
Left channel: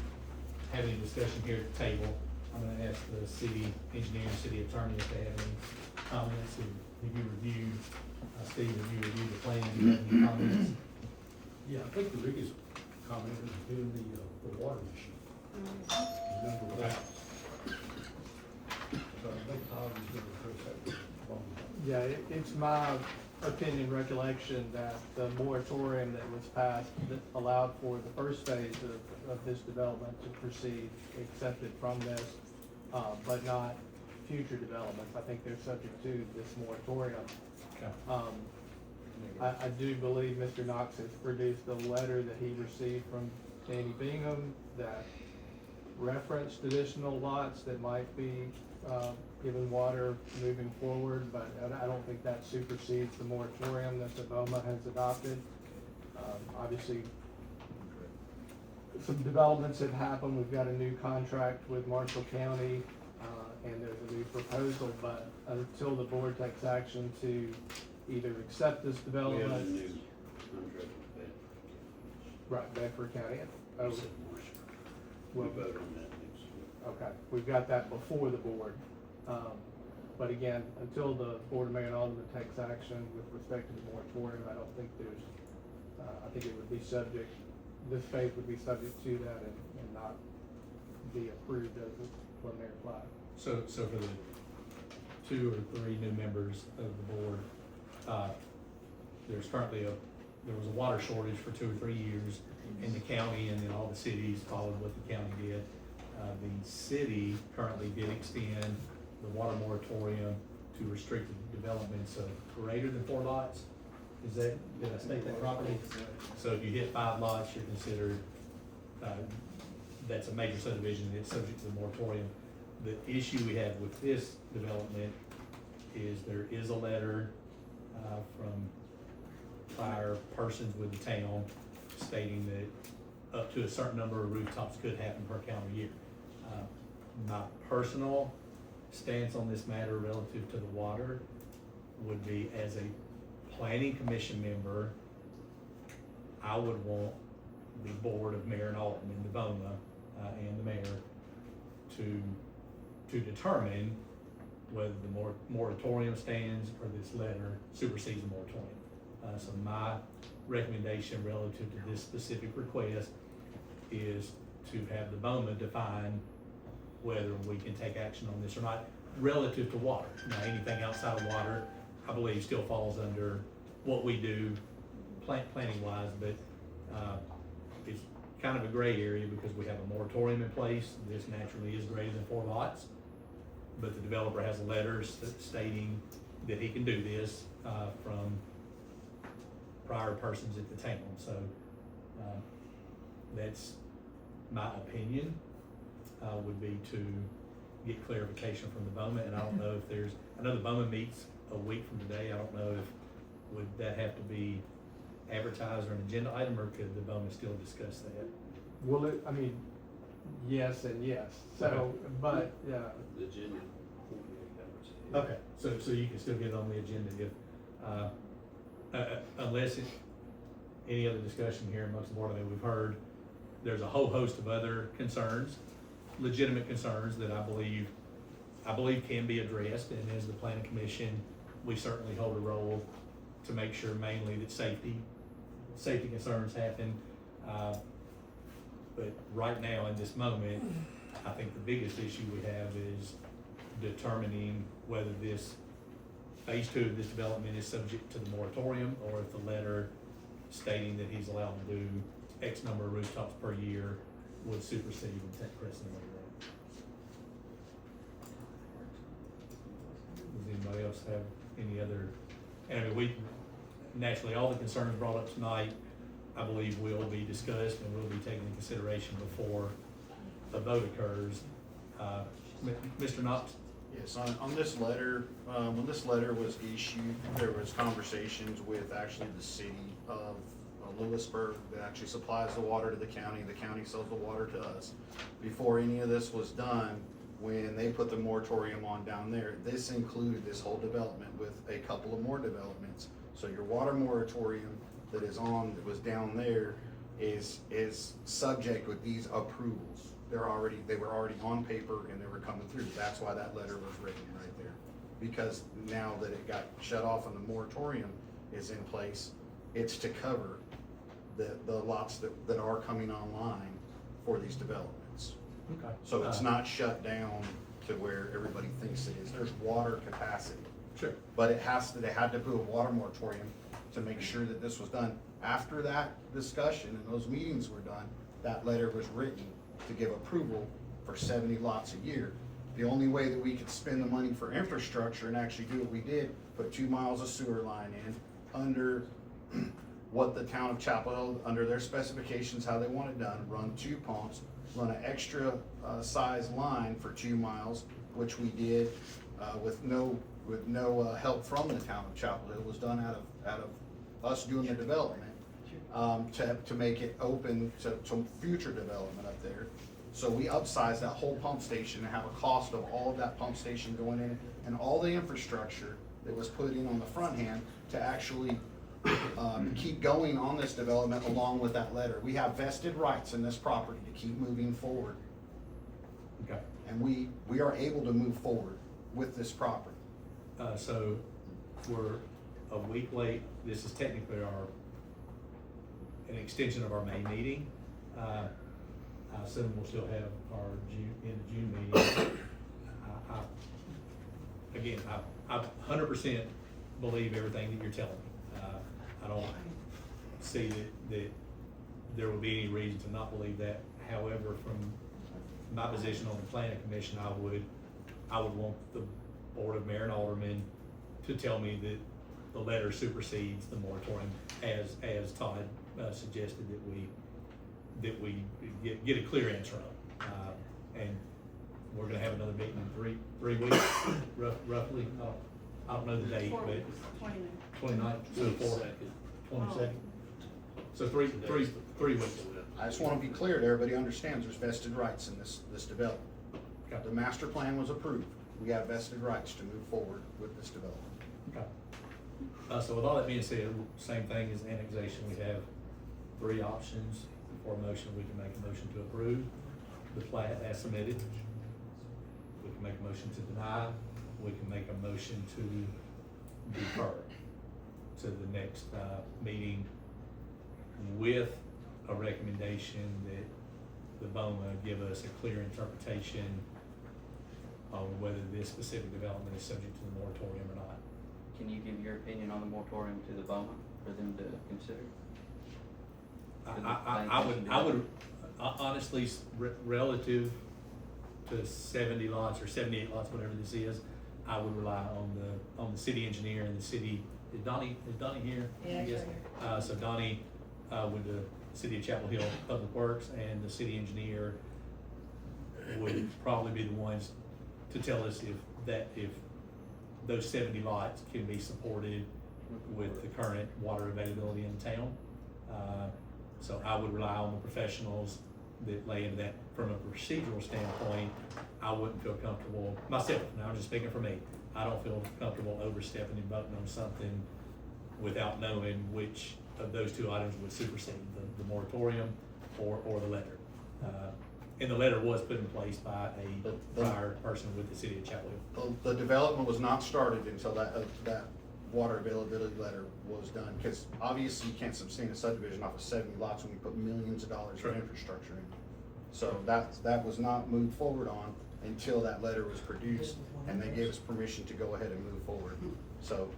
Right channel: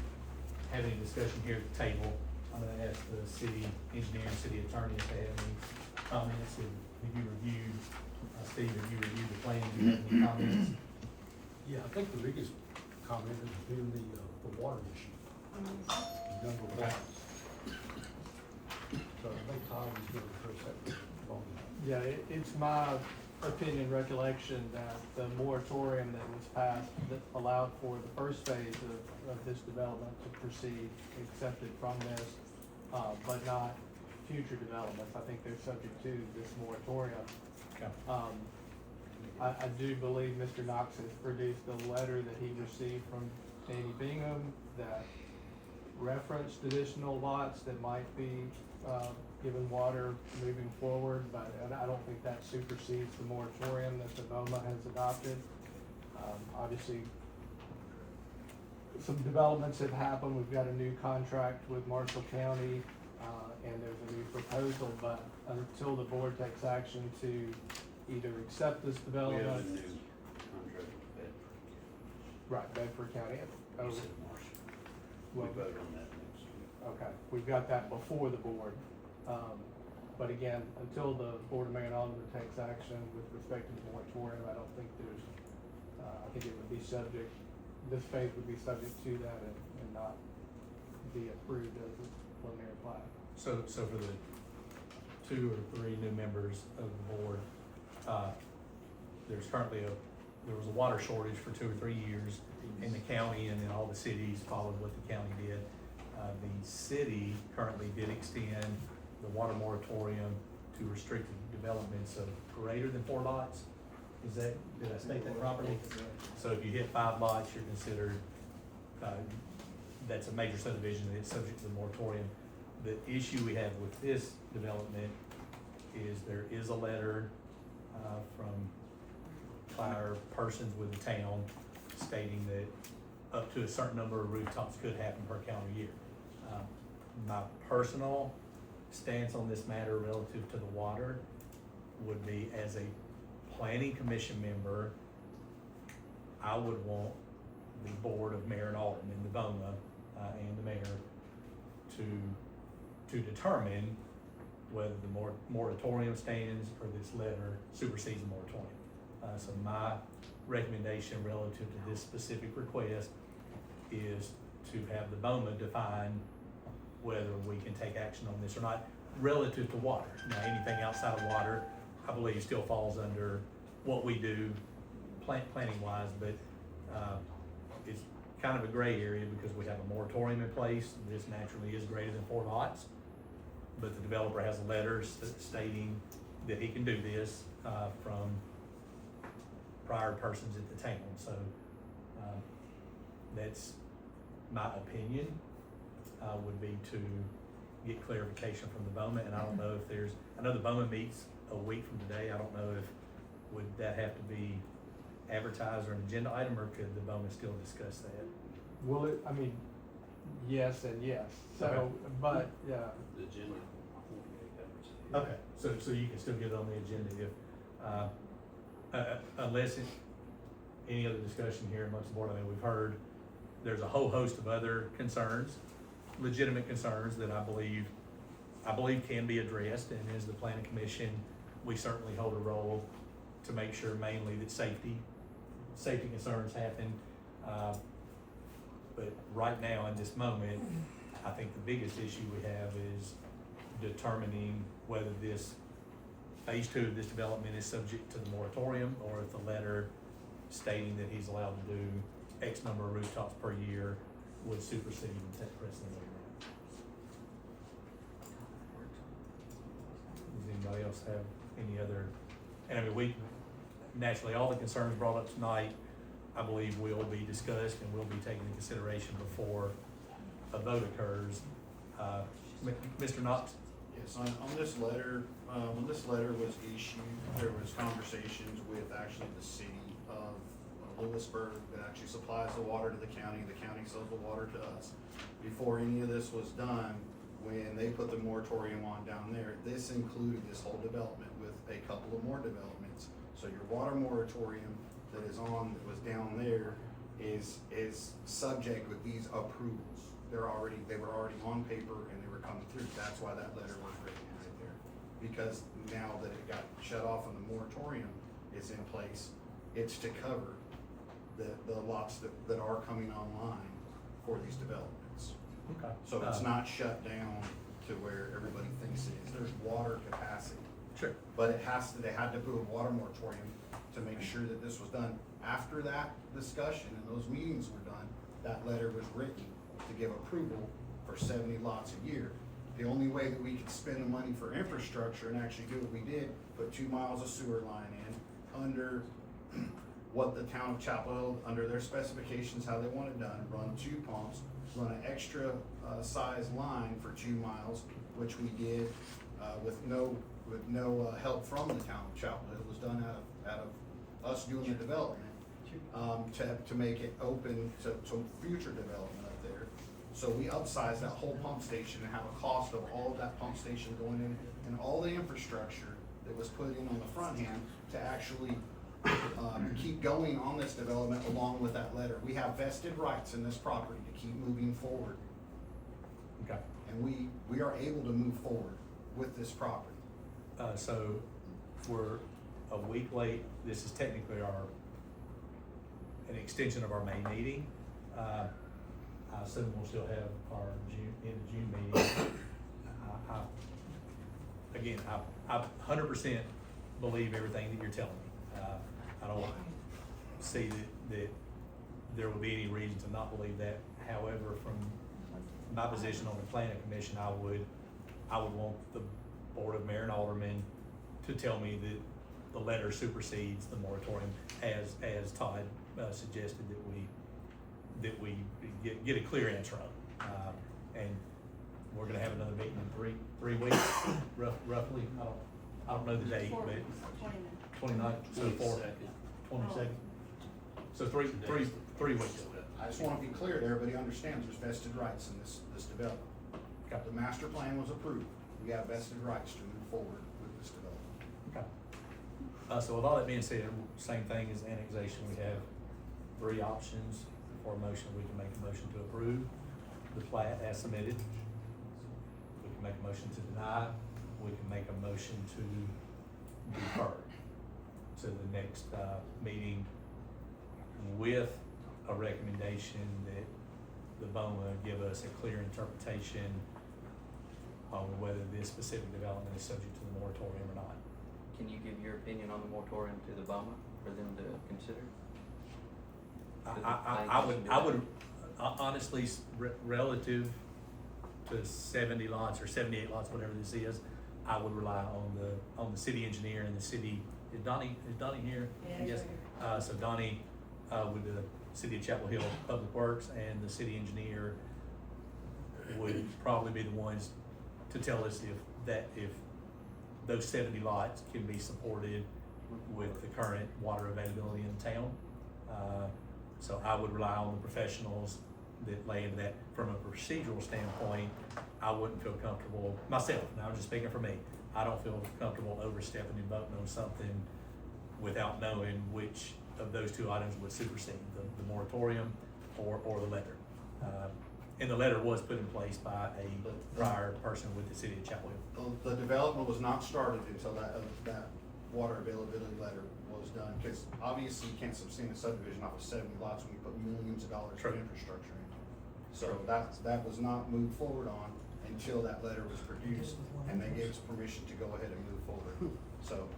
have any discussion here at the table, I'm gonna ask the city engineer and city attorney if they have any comments. Have you reviewed, Steve, have you reviewed the plan? Do you have any comments? Yeah, I think the biggest comment is doing the water issue. Number one. So I think Todd was gonna address that. Yeah, it's my opinion, recollection that the moratorium that was passed that allowed for the first phase of this development to proceed accepted from this, but not future developments. I think they're subject to this moratorium. Okay. I do believe Mr. Knox has produced a letter that he received from Danny Bingham that referenced additional lots that might be given water moving forward, but I don't think that supersedes the moratorium that the BOMA has adopted. Obviously, some developments have happened. We've got a new contract with Marshall County, and there's a new proposal, but until the board takes action to either accept this We have a development. new contract with Bedford. Right, Bedford County. You said Marshall. We vote on that next week. Okay, we've got that before the board. But again, until the Board of Mayor and Aldermen takes action with respect to the moratorium, I don't think there's, I think it would be subject, this phase would be subject to that and not be approved as a preliminary plat. So for the 2 or 3 new members of the board, there's currently there was a water shortage for 2 or 3 years in the county, and then all the cities followed what the county did. The city currently did extend the water moratorium to restricted developments of greater than 4 lots. Did I state that properly? So if you hit 5 lots, you're considered, that's a major subdivision and it's subject to the moratorium. The issue we have with this development is there is a letter from our persons with the town stating that up to a certain number of rooftops could happen per calendar year. My personal stance on this matter relative to the water would be, as a planning commission member, I would want the board of mayor and aldermen, the BOMA, and the mayor to determine whether the moratorium stands or this letter supersedes the moratorium. So my recommendation relative to this specific request is to have the BOMA define whether we can take action on this or not relative to water. Now, anything outside of water, I believe still falls under what we do planning wise, but, it's kind of a gray area because we have a moratorium in place. This naturally is greater than 4 lots, but the developer has a letter stating that he can do this, from prior persons at the town, so, that's my opinion, would be to get clarification from the BOMA, and I don't know if there's, I know the BOMA meets a week from today, I don't know if, would that have to be advertised or an agenda item, or could the BOMA still discuss that? Will it, I mean, yes and yes, so, Okay. but, yeah. The agenda. Okay, so you can still get it on the agenda if, unless it's any other discussion here amongst the board. I mean, we've heard there's a whole host of other concerns, legitimate concerns that I believe can be addressed, and as the planning commission, we certainly hold a role to make sure mainly that safety concerns happen. But right now, in this moment, I think the biggest issue we have is determining whether this phase 2 of this development is subject to the moratorium, or if the letter stating that he's allowed to do X number of rooftops per year would supersede and take precedent over that. Does anybody else have any other, and I mean, naturally, all the concerns brought up tonight, I believe will be discussed and will be taken into consideration before a vote occurs. Mr. Knox? Yes, on this letter, when this letter was issued, there was conversations with actually the city of Lewisburg that actually supplies the water to the county sells the water to us. Before any of this was done, when they put the moratorium on down there, this included this whole development with a couple of more developments. So your water moratorium that was down there is subject with these approvals. They were already on paper and they were coming through. That's why that letter was written right there. Because now that it got shut off and the moratorium is in place, it's to cover the lots that are coming online for these developments. Okay. So it's not shut down to where everybody thinks it is. There's water capacity. Sure. But they had to put a water moratorium to make sure that this was done. After that discussion and those meetings were done, that letter was written to give approval for 70 lots a year. The only way that we could spend the money for infrastructure and actually do what we did, put 2 miles of sewer line in under what the town of Chapel Hill, under their specifications, how they want it done, run 2 pumps, run an extra size line for 2 miles, which we did with no help from the town of Chapel Hill. It was done out of us doing the development to make it open to future development up there. So we upsized that whole pump station and have a cost of all of that pump station going in and all the infrastructure that was put in on the front end to actually keep going on this development along with that letter. We have vested rights in this property to keep moving forward. Okay. And we are able to move forward with this property. So we're a week late. This is technically an extension of our May meeting. I assume we'll still have our end of June meeting. I 100% believe everything that you're telling me. I don't see that there would be any reason to not believe that. However, from my position on the planning commission, I would want the board of mayor and aldermen to tell me that the letter supersedes the moratorium, as Todd suggested that we get a clear answer on. And we're gonna have another meeting in three weeks, roughly. I don't know the date, but 29th, 24th, 22nd. So three weeks. I just want to be clear that everybody understands there's vested rights in this development. Okay. The master plan was approved. We have vested rights to move forward with this development. Okay. So with all that being said, same thing as annexation, we have 3 options for a motion. We can make a motion to approve the plat as submitted. We can make a motion to deny. We can make a motion to defer to the next meeting with a recommendation that the BOMA give us a clear interpretation on whether this specific development is subject to the moratorium or not. Can you give your opinion on the moratorium to the BOMA for them to consider? I would honestly, relative to 70 lots or 78 lots, whatever this is, I would rely on the city engineer and the city, is Donnie here? Yeah, Yes. So Donnie, with the City of Chapel Hill Public Works, and the city engineer would probably be the ones to tell us if those 70 lots can be supported with the current water availability in the town. So I would rely on the professionals that lay into that. From a procedural standpoint, I wouldn't feel comfortable, myself, now I'm just speaking for me, I don't feel comfortable overstepping and voting on something without knowing which of those two items would supersede, the moratorium or the letter. And the letter was put in place by a prior person with the City of Chapel Hill. The development was not started until that water availability letter was done, because obviously you can't sustain a subdivision off of 70 lots when you put millions of dollars in infrastructure in. So that was not moved forward on until that letter was produced, and they gave us permission to go ahead and move forward. So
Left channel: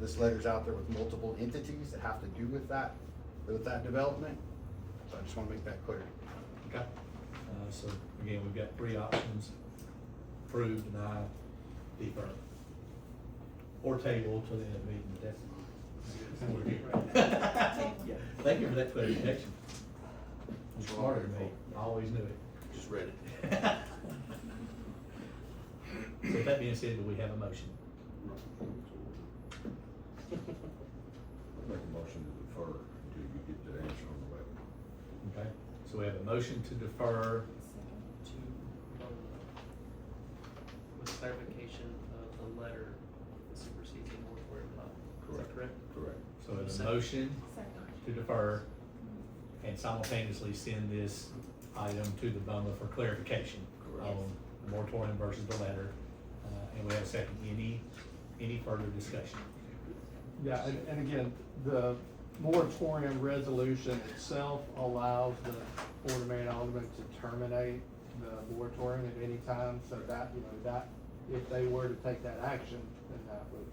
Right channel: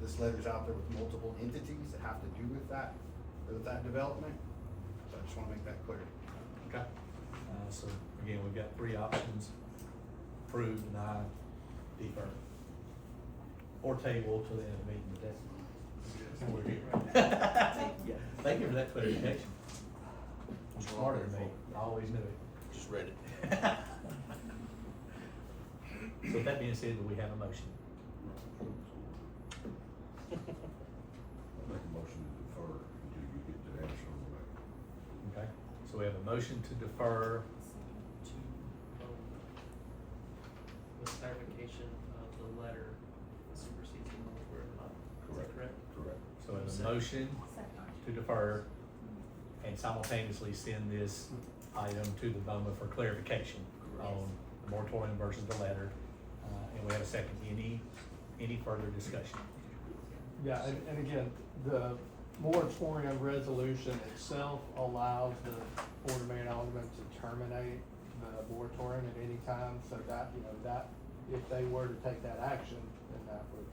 this letter's out there with multiple entities that have to do with that development. So I just wanna make that clear. Okay. So again, we've got three options: approve, deny, defer, or table till the end of the meeting. But yeah. Thank you for that clarification. You're smarter than me. I always knew it. Just read it. So with that being said, do we have a motion? I'll make a motion to defer until you get the answer on the letter. Okay, so we have a motion to defer. To BOMA, with clarification of the letter that supersedes the moratorium or not. Is that correct? Correct. So we have a motion to defer and simultaneously send this item to the BOMA for clarification on the moratorium versus the letter. And we have a second. Any further discussion? Yeah, and again, the moratorium resolution itself allows the Board of Mayor and Aldermen to terminate the moratorium at any time, so that, that, if they were to take that action, then that would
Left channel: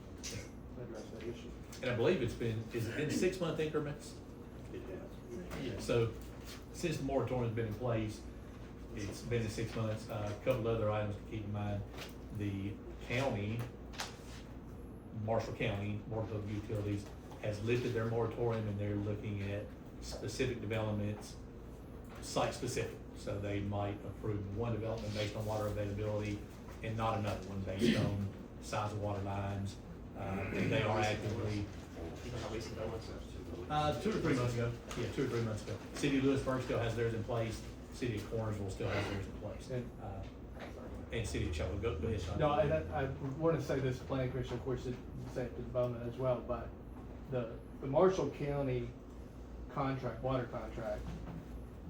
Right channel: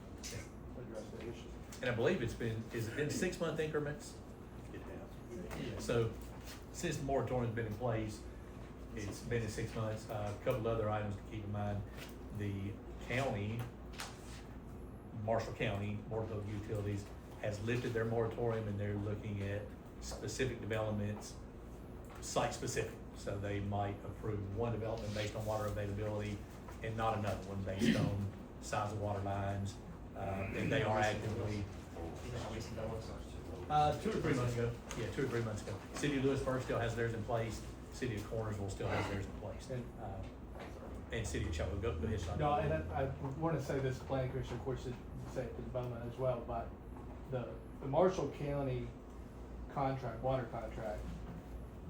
address that issue. And I believe is it been 6-month increments? It has. Yeah. So since the moratorium's been in place, it's been in 6 months. A couple other items to keep in mind: the county, Marshall County Board of Public Utilities, has lifted their moratorium, and they're looking at specific developments, site specific. So they might approve one development based on water availability and not another one based on size of water lines. And they are actively. You know how recent that was? 2 or 3 months ago. Yeah, 2 or 3 months ago. City of Lewisburg still has theirs in place. City of Cornersville still has theirs in place. And City of Chapel Hill. Go ahead, Sean. No, and I want to say this, Planning Commission, of course, it say it to the BOMA as well, but the Marshall County contract, water contract,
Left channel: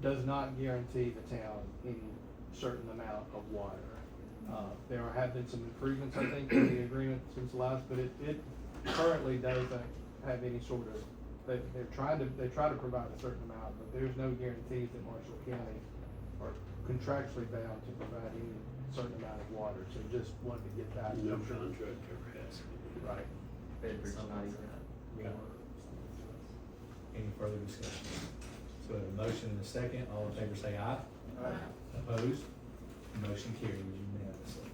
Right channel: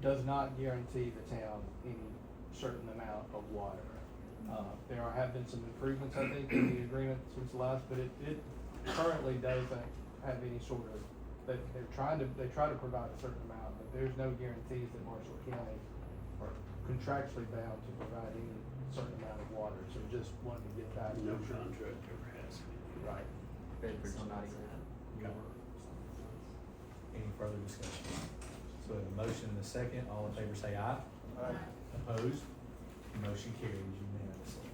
does not guarantee the town any certain amount of water. There have been some improvements, I think, in the agreement since last, but it currently doesn't have any sort of, they try to provide a certain amount, but there's no guarantees that Marshall County are contractually bound to provide any certain amount of water, so just wanted to get that. No contract ever has. Right. Somebody's in that. Any further discussion? So we have a motion and a second. All in favor say aye. Aye. Opposed? Motion carries unanimously.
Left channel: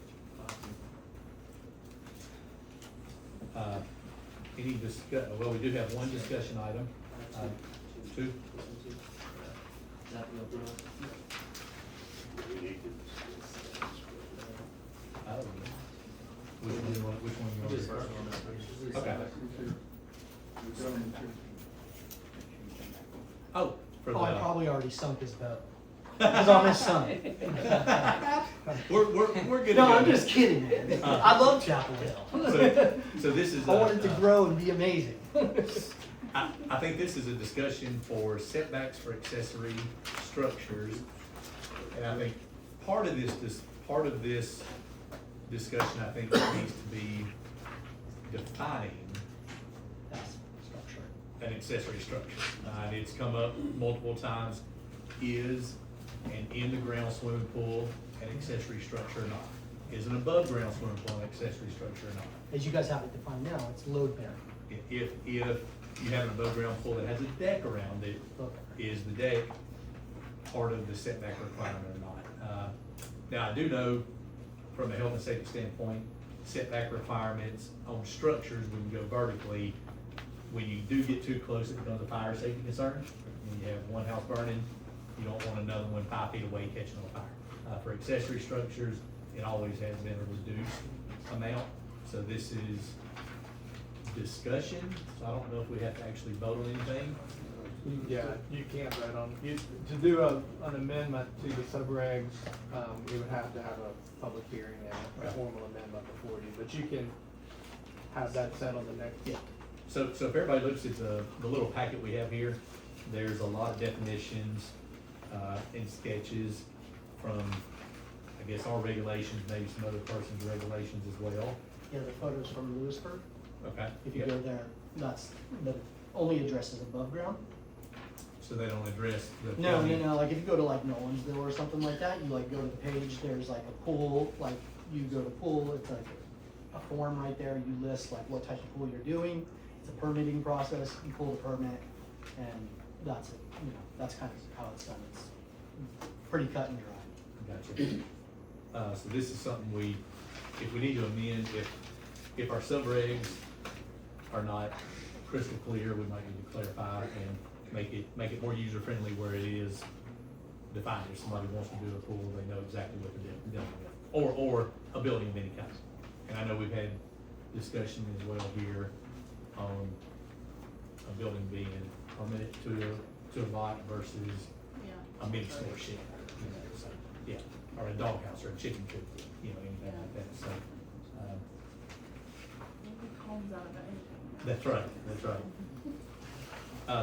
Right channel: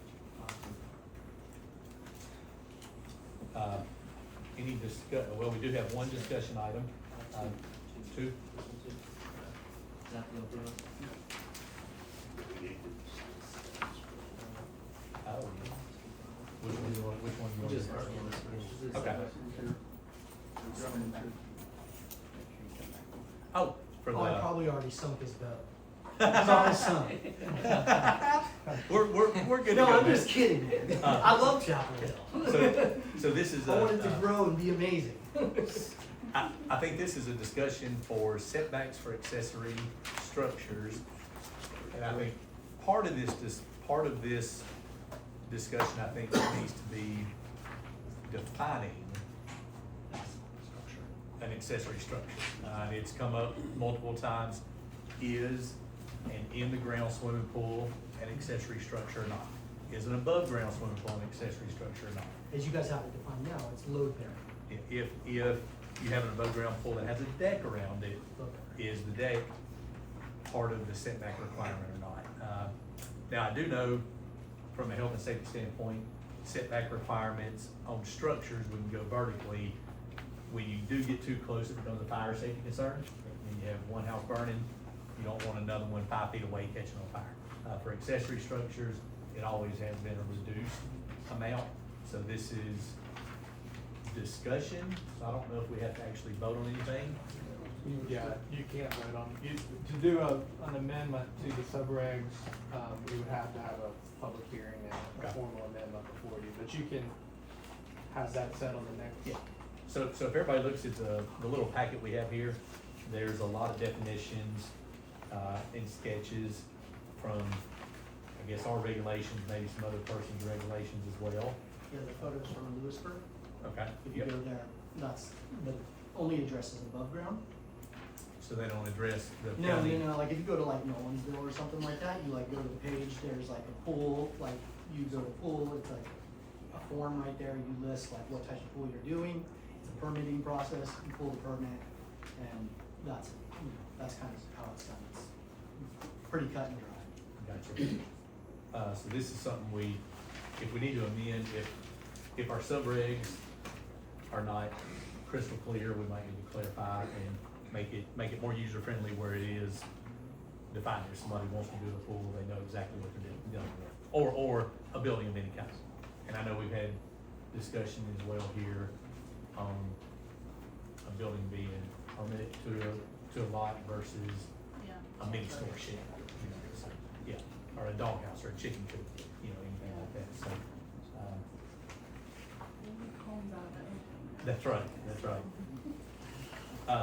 Any well, we do have one discussion item. Two? Is that the road? Oh, which one you want to do first? Okay. Oh, for the. Oh, I probably already sunk his boat. He's already sunk. We're good to No, go. I'm just kidding, man. I love Chapel Hill. So this is I want it to grow and be amazing. I think this is a discussion for setbacks for accessory structures. And I think part of this discussion, I think, needs to be defining an accessory structure. And it's come up multiple times. Is an in-the-ground swimming pool an accessory structure or not? is an above-ground swimming pool an accessory structure or not? As you guys have it defined now, it's load bearing. If you have an above-ground pool that has a deck around it, is the deck part of the setback requirement or not? Now, I do know from a health and safety standpoint, setback requirements on structures, when you go vertically, when you do get too close, it becomes a fire safety concern. When you have one house burning, you don't want another one 5 feet away catching on fire. For accessory structures, it always has been a reduced amount, so this is discussion, so I don't know if we have to actually vote on anything. Yeah, you can't vote on, to do an amendment to the subregs, we would have to have a public hearing and a formal amendment before you, but you can have that set on the next. Yeah. So if everybody looks at the little packet we have here, there's a lot of definitions, and sketches from, I guess, our regulations, maybe some other person's regulations as well. Yeah, the photos from Lewisburg. Okay. If you Yep. go there, that's, the only addresses above ground. So they don't address the No, county? no, like if you go to like Nolensville or something like that, you like go to the page, there's like a pool, like you go to pool, it's like a form right there, you list like what type of pool you're doing. It's a permitting process, you pull the permit, and that's it, you know, that's kind of how it's done. It's pretty cut and dry. Gotcha. So this is something if we need to amend, if our subregs are not crystal clear, we might need to clarify and make it more user-friendly where it is defined. If somebody wants to do a pool, they know exactly what they're dealing with, or a building of any kind. And I know we've had discussion as well here on a building being permitted to a lot versus a mini store shed, you know, so, yeah, or a doghouse or a chicken coop, you know, anything like that, so. Homes out of anything. That's right, that's right.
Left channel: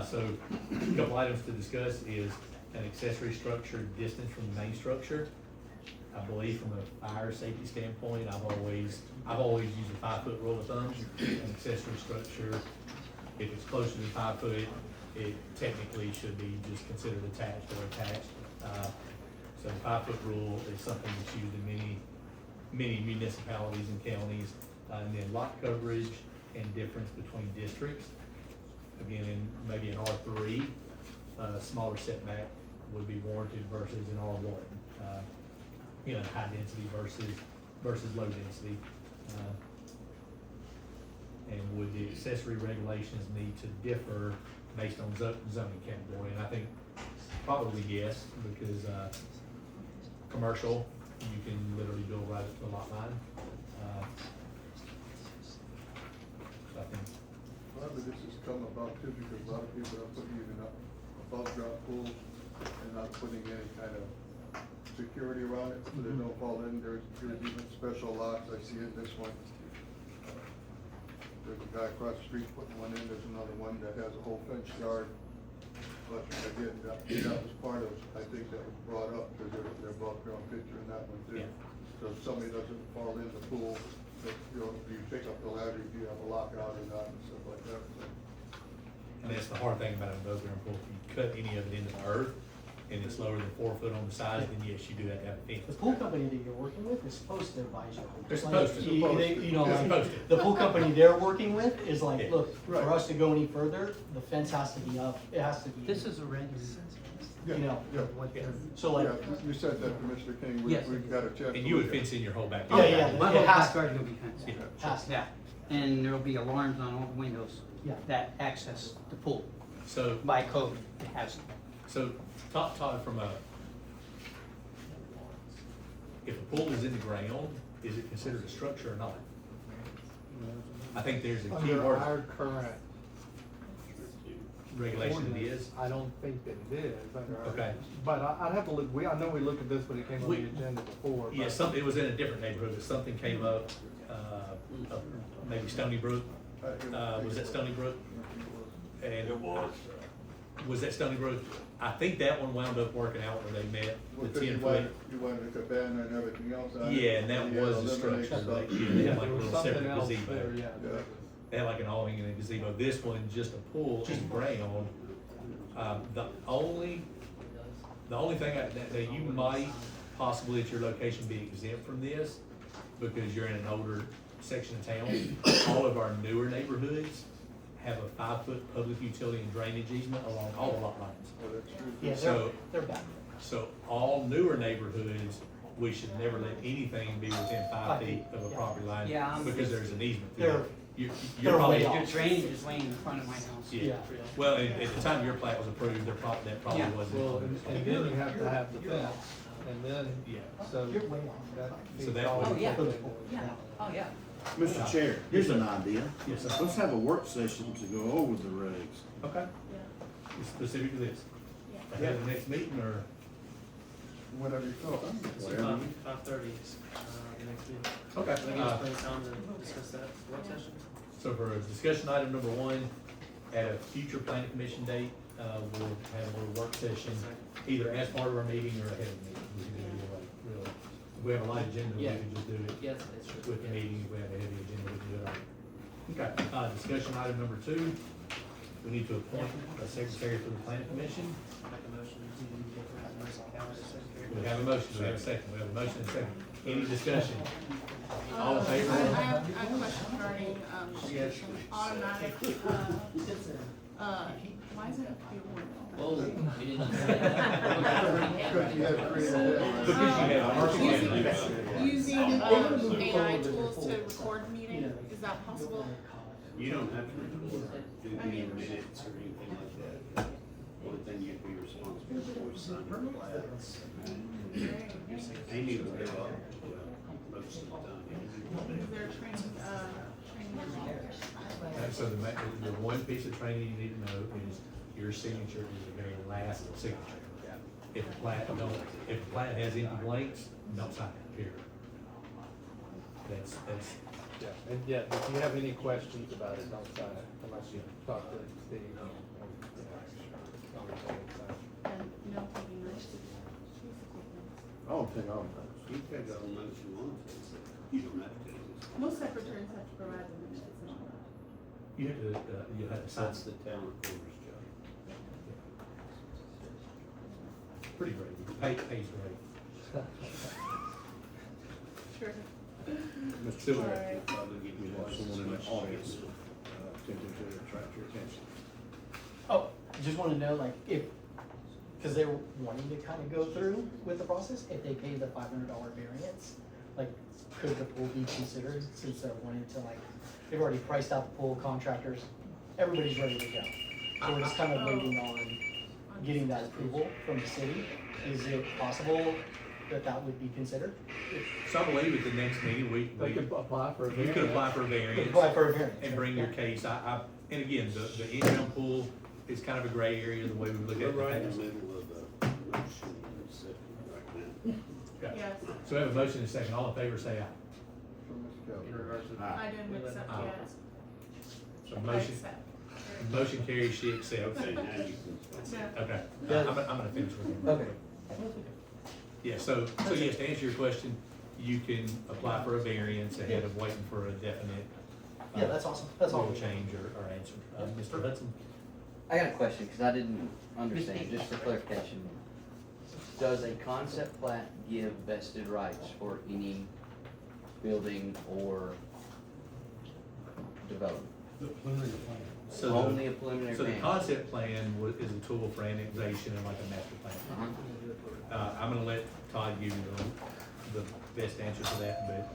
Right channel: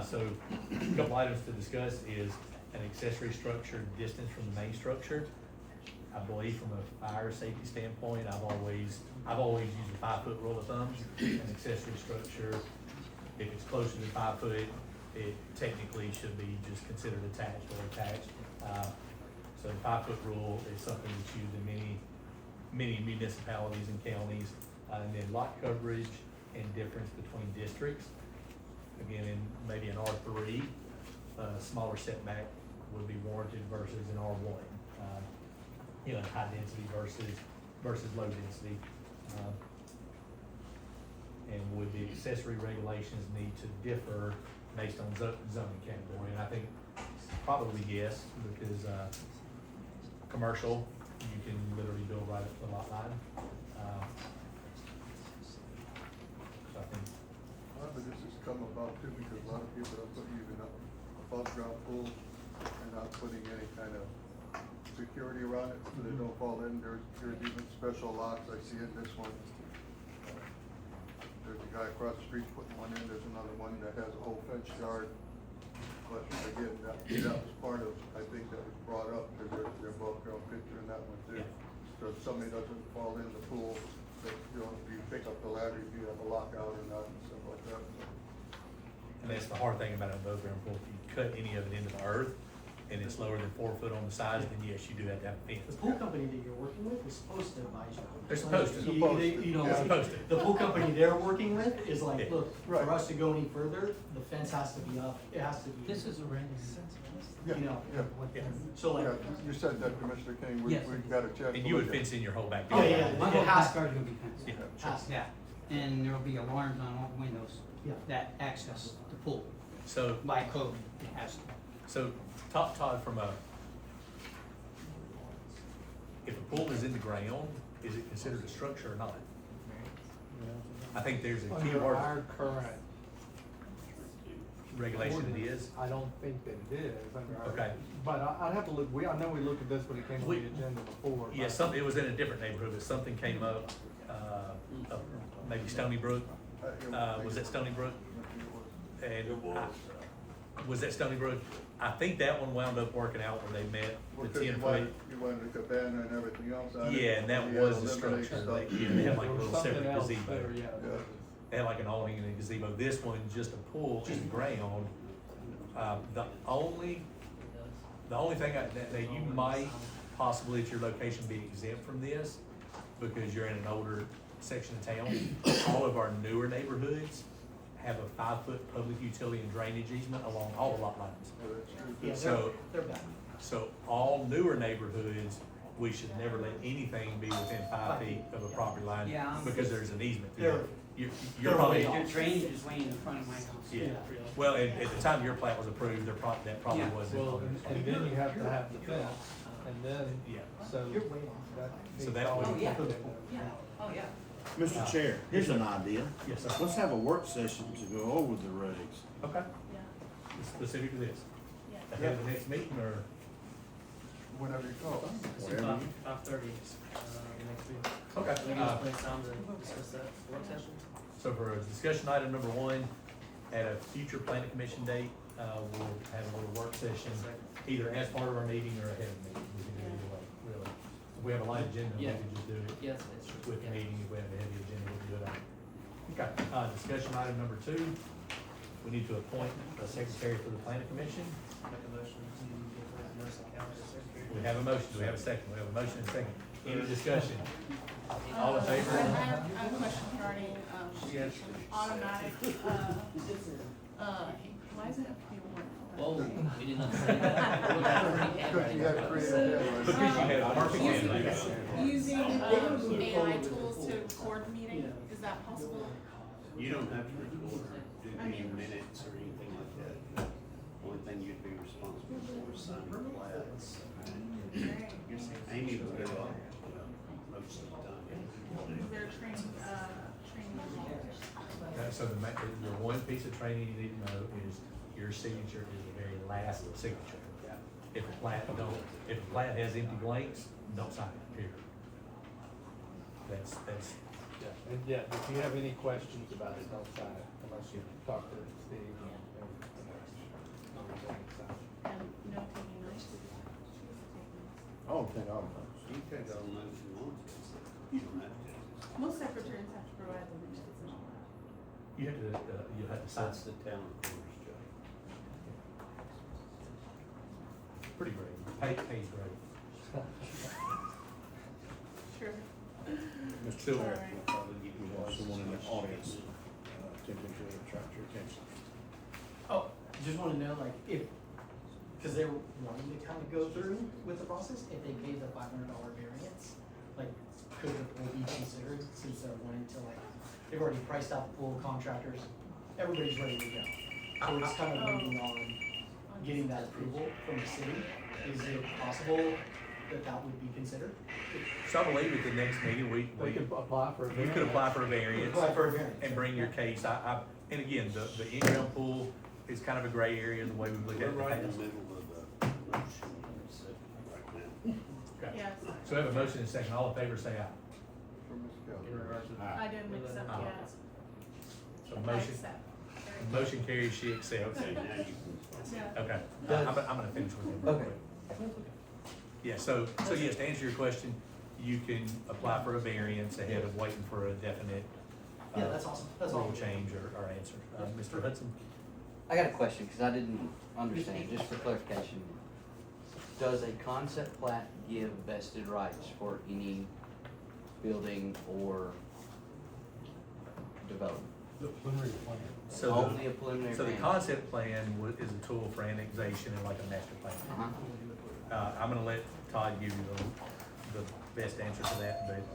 So, a couple items to discuss is an accessory structure distance from the main structure. I believe from a fire safety standpoint, I've always used a 5-foot rule of thumb. An accessory structure, if it's closer than 5 foot, it technically should be just considered attached or attached. So the 5-foot rule is something that's used in many municipalities and counties. And then lot coverage and difference between districts. Again, in maybe an R3, smaller setback would be warranted versus an R1. You know, high density versus low density. And would the accessory regulations need to differ based on zoning category? And I think probably yes, because commercial, you can literally build right up to the lot line. So I think. A lot of this has come about too, because a lot of people are putting even up above ground pools and not putting any kind of security around it, so they don't fall in. There's even special locks, I see in this one. There's a guy across the street putting one in, there's another one that has a whole fence yard. But again, that was part of, I think that was brought up, because there's above ground picture in that one too. Yeah. So if somebody doesn't fall in the pool, so, you know, you pick up the ladder, if you have a lockout or not, and stuff like that. And that's the hard thing about an above ground pool. If you cut any of it into the earth and it's lower than 4 foot on the sides, then yes, you do have to have a fence. The pool company that you're working with is supposed to advise you. They're supposed to. You know, They're like, supposed to. the pool company they're working with is like, Yeah. look, for us to go any further, the fence has to be up, it has to be. This is a random. Yeah, You know, yeah. Yeah. So like. Yeah, you said that, Commissioner King, Yes. we've got a chance. And to you would look at it. fence in your whole Oh, backyard. yeah, My whole it has to. backyard will be fenced. Yeah. Has to. Yeah, and there'll be alarms on all the windows. Yeah. That access the pool. So, By code, it has to. so Todd, from if a pool is in the ground, is it considered a structure or not? I think there's a key Under word. our current Regulation it ordinance, is. I don't think that it is under our. Okay. But I'd have to look, I know we looked at this when it came on the agenda before. Yeah, but- it was in a different neighborhood, but something came up, maybe Stony Brook. Was that Stony Brook? And was that Stony Brook? I think that one wound up working out where they met Well, the 'cause 10 you foot. wanted the cabana and everything else on it. Yeah, and that You was had the eliminate structure, stuff. like, yeah, they had like a There was little something separate else gazebo. there, yeah. Yeah. They had like an awning and a gazebo. This one, just a pool in the ground. The only thing that you might possibly at your location be exempt from this because you're in an older section of town. All of our newer neighborhoods have a 5-foot public utility and drainage easement along all the lot lines. Yeah, So, they're bad. so all newer neighborhoods, we should never let anything be within 5 feet of a property line, Yeah, I'm- because there's an easement. They're- You're they're probably. way off. Your drainage is laying in front of my house. Yeah, well, at the time your plat was approved, that probably Yeah. wasn't. Well, and then you have to have the fence, and then, Yeah. so You're way off. that So needs that all would- be Yeah. taken into Yeah, account. oh, yeah. Mr. Chair, here's an idea. Yes, sir. Let's have a work session to go over the regs. Okay, Yeah, specific to this. yeah. Ahead of the next meeting, or? Whatever you call it. Whatever you- 5:30, the next meeting. Okay. Can we get plenty of time to discuss that work session? So for discussion item number 1, at a future planning commission date, we'll have a little work session, either as part of our meeting or ahead of the meeting. We can do it either way, really. If we have a light agenda, we Yeah. can just do it Yes, that's true. with the meeting. If we have a heavy agenda, we can do it on. Okay, discussion item number 2, we need to appoint a secretary for the planning commission. Make a motion to get the emergency calendar secretary. We have a motion, we have a second, we have a motion and a second. Any discussion? All in I favor? have a question regarding, Yes. automatic, why does it have to be a one? Oh, we didn't. Because you have creative. Because you have perfect handling. Using, AI tools to record meeting, is that possible? You don't have to record, do any minutes or anything like that. Only thing you'd be responsible for is signing plats. Amy will give up, well, most of the time. Is there training involved? So the one piece of training you need to know is your signature is the very last signature. If the plat has empty blanks, don't sign it, period. That's, Yeah, and yeah, if you have any questions about it, don't sign it unless you talk to Steve and, everything, so. And you don't take any notes? I don't think I'll know. You could go on if you want to, so you don't have to. Most secretaries have to provide the minutes and all that. you have to sign. That's the town recorder's job. Pretty great, pays great. Sure. Mr. Still Chair, there. we have someone in the audience, attempting to attract your attention. Oh, just wanna know, like, if, cause they were wanting to kinda go through with the process, if they pay the $500 variance, like, could the pool be considered, since they're wanting to, like, they've already priced out the pool contractors, everybody's ready to go. So we're just kind of waiting on getting that approval from the city. Is it possible that that would be considered? So I believe at the next meeting, They could apply for a you variance. could apply for a variance. Apply for a variance. And bring your case. And again, the in-ground pool is kind of a gray area, the way we look at We're it. right in the middle of the motion and second right now. Okay. Yes. So we have a motion and a second. All in favor, say aye. For Ms. Keller. I didn't accept yet. So I motion, accept. motion carries, she accepts. Okay, now you can. Yeah. Okay, I'm gonna finish with you. real quick. Yeah, so yes, to answer your question, you can apply for a variance ahead of waiting for a definite. Yeah, that's awesome. That's all. Rule change or answer. Mr. Hudson? I got a question, cause I didn't understand, just for clarification. Does a concept plat give vested rights for any building or development? The preliminary plan. So the- Only a preliminary So the plan? concept plan is a tool for annexation and like a master plan. Uh-huh. I'm gonna let Todd give you the best answer to that, but.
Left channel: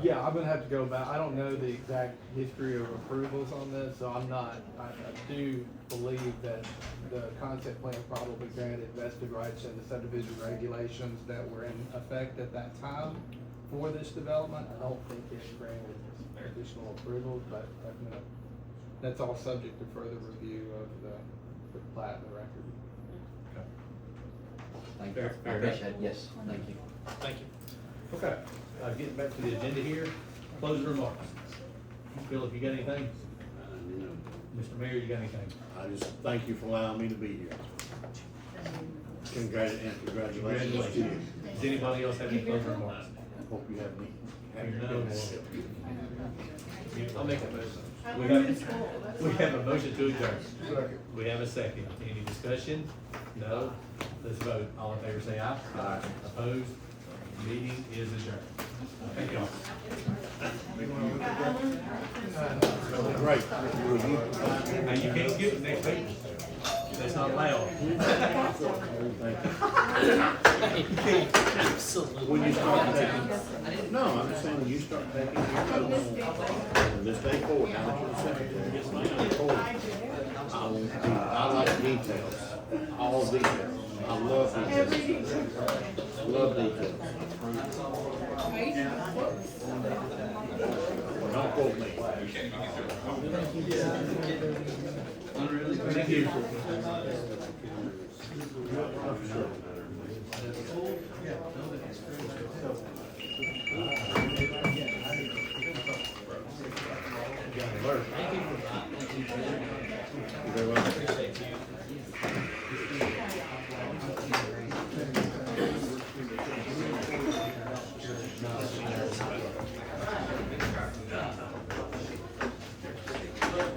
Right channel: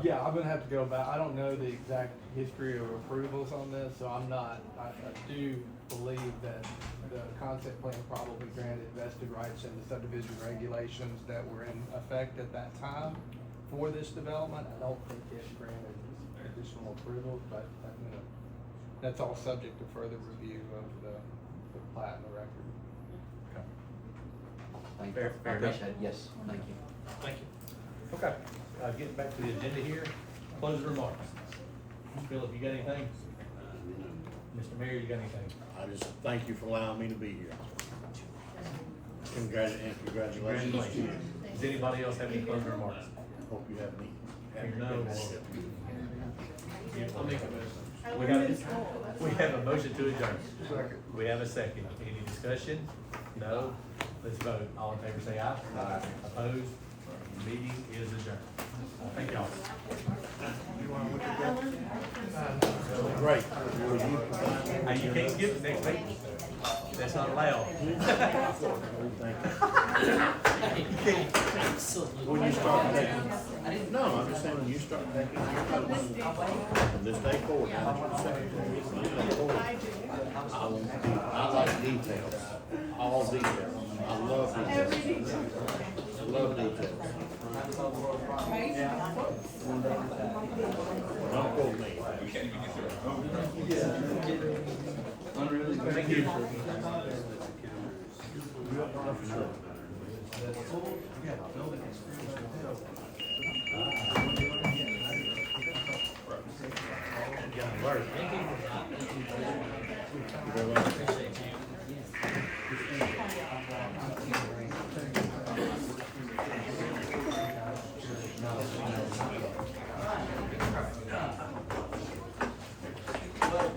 Yeah, I'm gonna have to go back, I don't know the exact history of approvals on this, so I'm not, I do believe that the concept plan probably granted vested rights in the subdivision regulations that were in effect at that time for this development. I don't think it granted additional approvals, but, that's all subject to further review of the plat and the record. Thank you. Fair enough. Appreciate it. Yes, thank you. Thank you. Okay, getting back to the agenda here, closing remarks. Phil, if you got anything? Mr. Mayor, you got anything? I just thank you for allowing me to be here. Congratulations to you. Does anybody else have any closing remarks? Hope you have any. Hearing none, I'll make a motion. We have a motion to adjourn. We have a second. Any discussion? No? Let's vote. All in favor say aye. Aye. Opposed? Meeting is adjourned. Thank y'all. Great. Hey, you can't skip next week. That's not allowed. Absolutely. When you start taking, no, I'm just saying, when you start taking your notes, from this day forward, now that you're the secretary, from this day forward, I like details, all details. I love details. Love details. Well, don't quote me. Thank you. Sure. You're very welcome.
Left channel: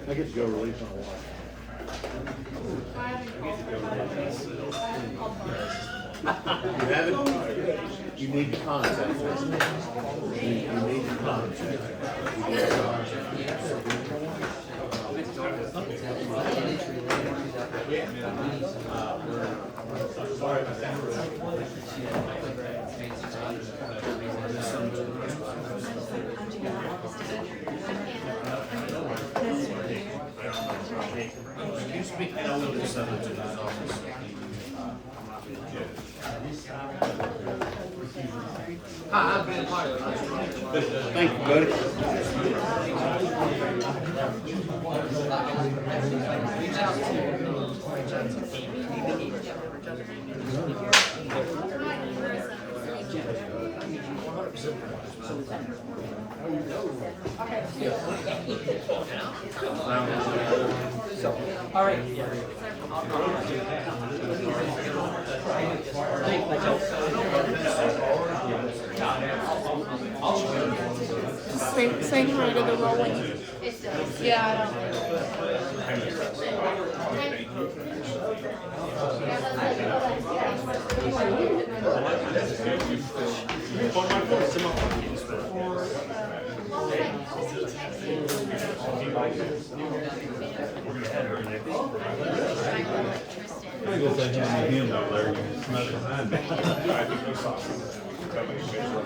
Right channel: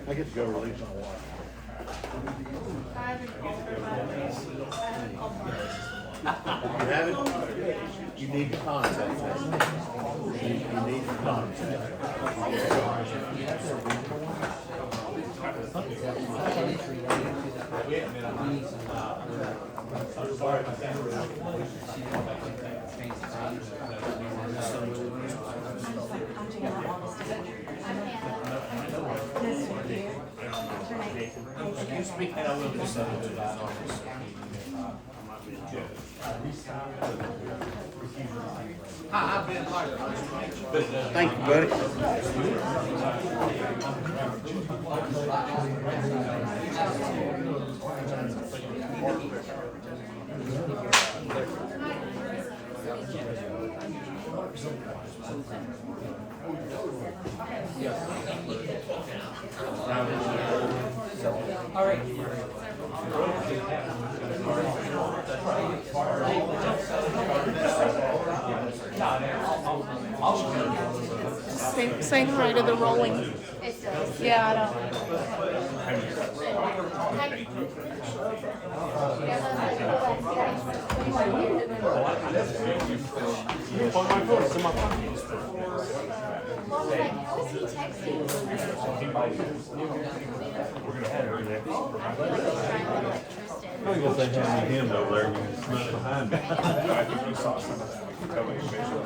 I get to go release on a walk. You haven't? You need to contact us. You need to contact us. You need to Excuse me, I will just send it to his office. Hi, I'm Ben Piper. Thank you, buddy. All right. Same how I did the rolling. Yeah. I guess they have me him over there, he's not behind me. I think you saw some of that. That way you make sure.